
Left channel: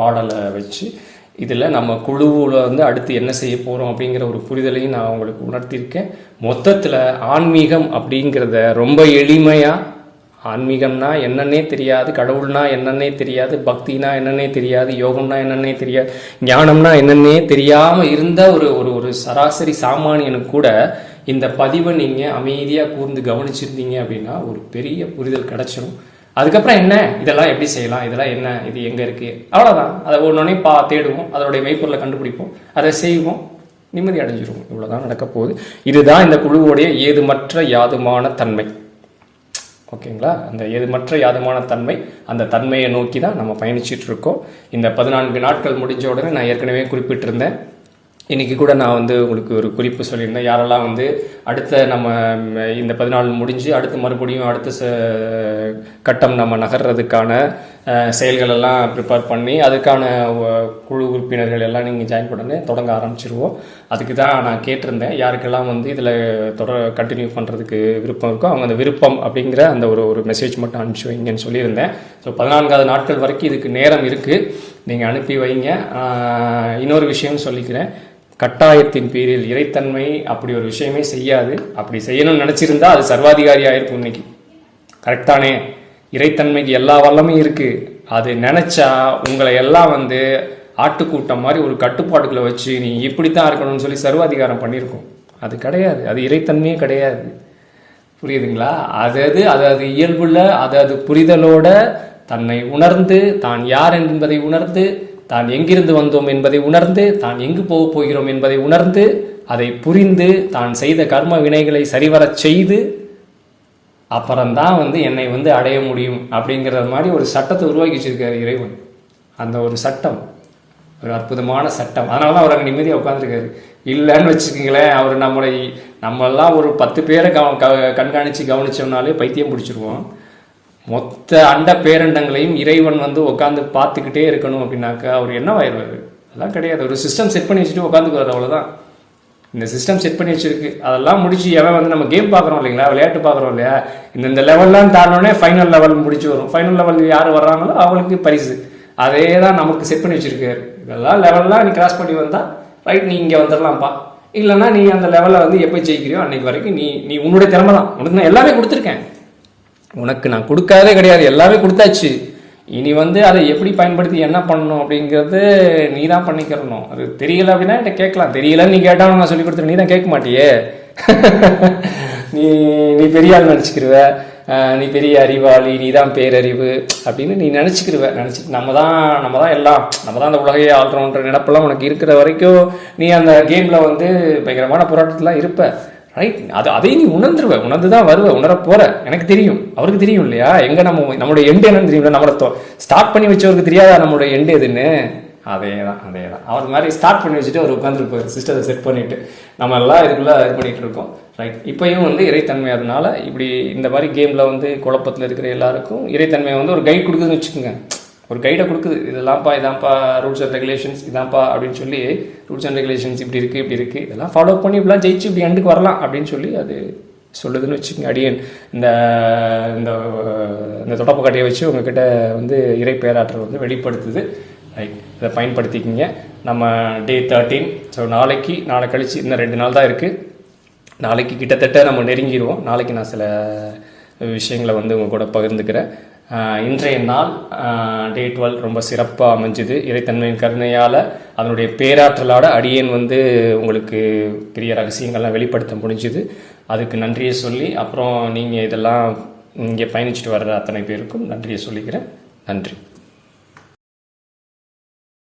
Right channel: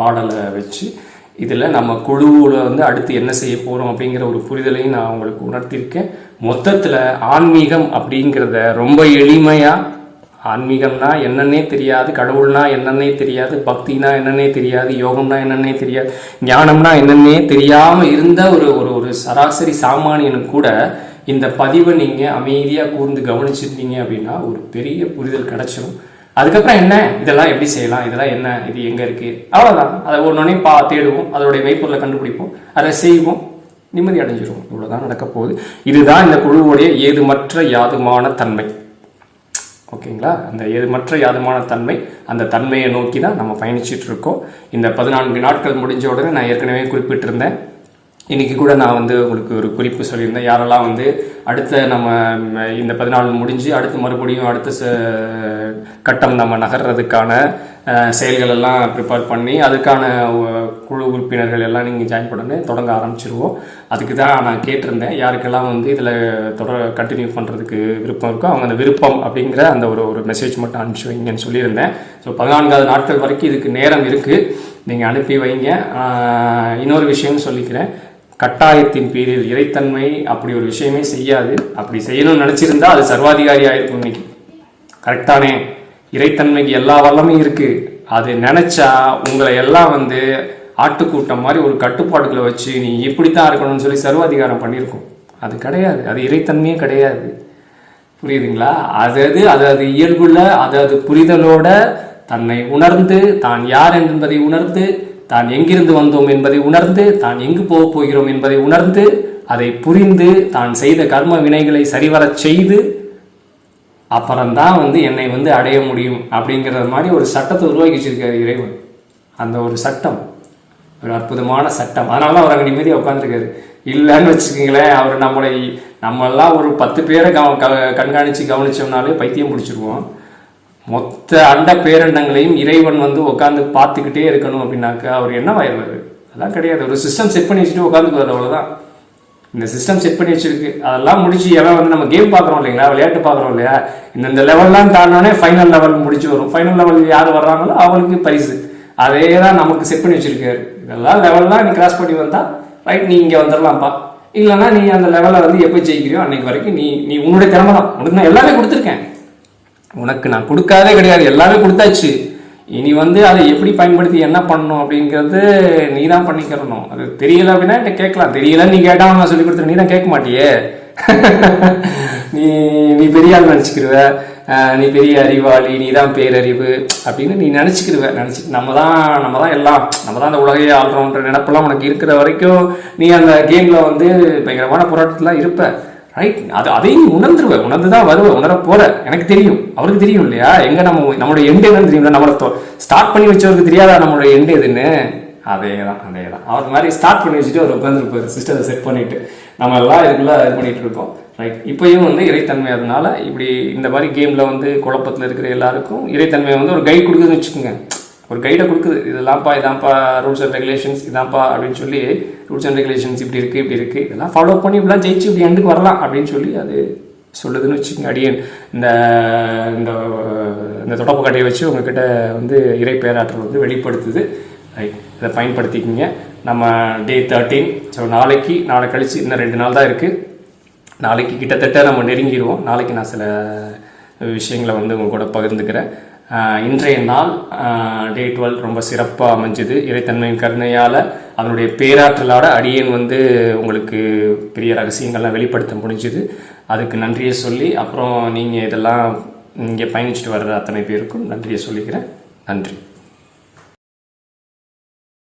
பாடலை வச்சு இதில் நம்ம குழுவில் வந்து அடுத்து என்ன செய்ய போகிறோம் அப்படிங்கிற ஒரு புரிதலையும் நான் உங்களுக்கு உணர்த்தியிருக்கேன். மொத்தத்தில் ஆன்மீகம் அப்படிங்கிறத ரொம்ப எளிமையாக, ஆன்மீகம்னா என்னன்னே தெரியாது, கடவுள்னா என்னன்னே தெரியாது, பக்தினா என்னன்னே தெரியாது, யோகம்னா என்னன்னே தெரியாது, ஞானம்னா என்னன்னே தெரியாமல் இருந்த ஒரு ஒரு சராசரி சாமானியனுக்கு கூட இந்த பதிவை நீங்கள் அமைதியாக கூர்ந்து கவனிச்சிருந்தீங்க அப்படின்னா ஒரு பெரிய புரிதல் கிடச்சிடும். அதுக்கப்புறம் என்ன, இதெல்லாம் எப்படி செய்யலாம், இதெல்லாம் என்ன, இது எங்கே இருக்குது, அவ்வளோதான். அதை ஒன்றொன்னே தேடுவோம், அதோடைய மெய்ப்பொருளை கண்டுபிடிப்போம், அதை செய்வோம், நிம்மதி அடைஞ்சிருவோம். இவ்வளோதான் நடக்க போகுது. இதுதான் இந்த குழுவுடைய ஏதுமற்ற யாதுமான தன்மை. ஓகேங்களா? அந்த ஏதுமற்ற யாதுமான தன்மை, அந்த தன்மையை நோக்கி தான் நம்ம பயணிச்சுட்டு இருக்கோம். இந்த 14 நாட்கள் முடிஞ்ச உடனே நான் ஏற்கனவே குறிப்பிட்டிருந்தேன். இன்றைக்கி கூட நான் வந்து உங்களுக்கு ஒரு குறிப்பு சொல்லியிருந்தேன். யாரெல்லாம் வந்து அடுத்த நம்ம இந்த 14 முடிஞ்சு அடுத்து மறுபடியும் அடுத்த கட்டம் நம்ம நகர்றதுக்கான செயல்கள் எல்லாம் ப்ரிப்பேர் பண்ணி அதுக்கான குழு உறுப்பினர்கள் எல்லாம் நீங்கள் ஜாயின் பண்ணி தொடங்க ஆரம்பிச்சிருவோம். அதுக்கு தான் நான் கேட்டிருந்தேன், யாருக்கெல்லாம் வந்து இதில் கண்டினியூ பண்ணுறதுக்கு விருப்பம் இருக்கோ அவங்க அந்த விருப்பம் அப்படிங்கிற அந்த ஒரு மெசேஜ் மட்டும் அனுப்பிச்சி வைங்கன்னு சொல்லியிருந்தேன். ஸோ 14வது நாட்கள் வரைக்கும் இதுக்கு நேரம் இருக்குது, நீங்கள் அனுப்பி வைங்க. இன்னொரு விஷயம்னு சொல்லிக்கிறேன், கட்டாயத்தின் பேரில் இறைத்தன்மை அப்படி ஒரு விஷயமே செய்யாது. அப்படி செய்யணும்னு நினச்சிருந்தா அது சர்வாதிகாரி ஆயிருக்கும் இன்னைக்கு. கரெக்டானே? இறைத்தன்மைக்கு எல்லா வல்லமையும் இருக்குது. அது நினச்சா உங்களை எல்லாம் வந்து ஆட்டுக்கூட்டம் மாதிரி ஒரு கட்டுப்பாடுகளை வச்சு நீ இப்படித்தான் இருக்கணும்னு சொல்லி சர்வாதிகாரம் பண்ணியிருக்கோம். அது கிடையாது, அது இறைத்தன்மையே கிடையாது. புரியுதுங்களா? அது இயல்புள்ள அது புரிதலோட தன்னை உணர்ந்து, தான் யார் என்பதை உணர்ந்து, தான் எங்கிருந்து வந்தோம் என்பதை உணர்ந்து, தான் எங்கு போக போகிறோம் என்பதை உணர்ந்து, அதை புரிந்து, தான் செய்த கர்ம வினைகளை சரிவரச் செய்து அப்புறம்தான் வந்து என்னை வந்து அடைய முடியும் அப்படிங்கிற மாதிரி ஒரு சட்டத்தை உருவாக்கி வச்சிருக்காரு இறைவன். அந்த ஒரு சட்டம் ஒரு அற்புதமான சட்டம். அதனால தான் அவர் அங்கே நிம்மதியாக உட்காந்துருக்காரு. இல்லைன்னு வச்சுக்கோங்களேன், அவர் நம்மெல்லாம் ஒரு 10 பேரை கவனிச்சோம்னாலே பைத்தியம் பிடிச்சிருவோம். மொத்த அண்ட பேரண்டங்களையும் இறைவன் வந்து உட்காந்து பார்த்துக்கிட்டே இருக்கணும் அப்படின்னாக்கா அவர் என்னவாயிருவார்? அதெல்லாம் கிடையாது. ஒரு சிஸ்டம் செட் பண்ணி வச்சுட்டு உட்காந்துக்குவார், அவ்வளோதான். இந்த சிஸ்டம் செட் பண்ணி வச்சிருக்கு. அதெல்லாம் முடிச்சு எவன் வந்து நம்ம கேம் பார்க்குறோம் இல்லைங்களா, விளையாட்டு பார்க்குறோம் இல்லையா, இந்த லெவல்லாம் தாண்டோடனே ஃபைனல் லெவல் முடிச்சு வரும். ஃபைனல் லெவல் யார் வர்றாங்களோ அவங்களுக்கு பரிசு. அதே தான் நமக்கு செட் பண்ணி வச்சிருக்காரு. இதெல்லாம் லெவல்லாம் நீ கிராஸ் பண்ணி வந்தால் ரைட், நீ இங்கே வந்துடலாம்ப்பா. இல்லைன்னா நீ அந்த லெவலை வந்து எப்போ ஜெயிக்கிறியோ அன்னைக்கு வரைக்கும் நீ உன்னுடைய திறமை தான். உனக்கு நான் எல்லாமே கொடுத்துருக்கேன், உனக்கு நான் கொடுக்காதே கிடையாது, எல்லாமே கொடுத்தாச்சு. இனி வந்து அதை எப்படி பயன்படுத்தி என்ன பண்ணணும் அப்படிங்கிறது நீ தான் பண்ணிக்கிறணும். அது தெரியல அப்படின்னா என்கிட்ட கேட்கலாம். தெரியலன்னு நீ கேட்டாலும் நான் சொல்லி கொடுத்துரு, நீ தான் கேட்க மாட்டியே. நீ பெரிய ஆள் நினச்சிக்கிருவ, நீ பெரிய அறிவாளி, நீ தான் பேரறிவு அப்படின்னு நீ நினச்சிக்கிருவ. நம்ம தான் எல்லாம், நம்ம தான் அந்த உலகையே ஆள்றோன்ற நினைப்பெல்லாம் உனக்கு இருக்கிற வரைக்கும் நீ அந்த கேமில் வந்து பயங்கரமான போராட்டத்தில் இருப்ப. ரைட்? அதையும் நீ உணர்ந்து தான் வருவ, உணர போற. எனக்கு தெரியும், அவருக்கு தெரியும் இல்லையா, எங்க நம்மளுடைய எண்டு என்னன்னு தெரியும். நம்மளை ஸ்டார்ட் பண்ணி வச்சவருக்கு தெரியாதா நம்மளுடைய எண்டு எதுன்னு? அதே தான். அவர் மாதிரி ஸ்டார்ட் பண்ணி வச்சுட்டு அவர் உட்காந்துருப்பாரு, சிஸ்டத்தை செட் பண்ணிட்டு. நம்ம எல்லாம் இதுக்குள்ள இது பண்ணிட்டு இருக்கோம். ரைட்? இப்பயும் வந்து இறைத்தன்மை, அதனால இப்படி இந்த மாதிரி கேம்ல வந்து குழப்பத்தில் இருக்கிற எல்லாருக்கும் இறைத்தன்மை வந்து ஒரு கைட் கொடுக்குதுன்னு வச்சுக்கோங்க. ஒரு கைடை கொடுக்குது, இதான்ப்பா ரூல்ஸ் அண்ட் ரெகுலேஷன்ஸ், இதான்ப்பா அப்படின்னு சொல்லி ரூல்ஸ் அண்ட் ரெகுலேஷன்ஸ் இப்படி இருக்குது, இதெல்லாம் ஃபாலோ பண்ணி இப்படிலாம் ஜெயிச்சு இப்படி எண்டுக்கு வரலாம் அப்படின்னு சொல்லி அது சொல்லுதுன்னு வச்சுக்கோங்க. அடியேன் இந்த தொடப்பு கட்டையை வச்சு உங்ககிட்ட வந்து இறை பேராற்றல் வந்து வெளிப்படுத்துது. ரைட்? இதை பயன்படுத்திக்கிங்க. நம்ம டே 13. ஸோ நாளை கழிச்சு இன்னும் 2 நாள் தான் இருக்குது. நாளைக்கு கிட்டத்தட்ட நம்ம நெருங்கிடுவோம். நாளைக்கு நான் சில விஷயங்களை வந்து உங்கள் கூட பகிர்ந்துக்கிறேன். இன்றைய நாள் டே 12 ரொம்ப சிறப்பாக அமைஞ்சுது. இறைத்தன்மையின் கருணையால், அதனுடைய பேராற்றலோட அடியேன் வந்து உங்களுக்கு பெரிய ரகசியங்கள்லாம் வெளிப்படுத்த முடிஞ்சுது. அதுக்கு நன்றியை சொல்லி, அப்புறம் நீங்கள் இதெல்லாம் இங்கே பயணிச்சுட்டு வர்ற அத்தனை பேருக்கும் நன்றியை சொல்லிக்கிறேன். நன்றி.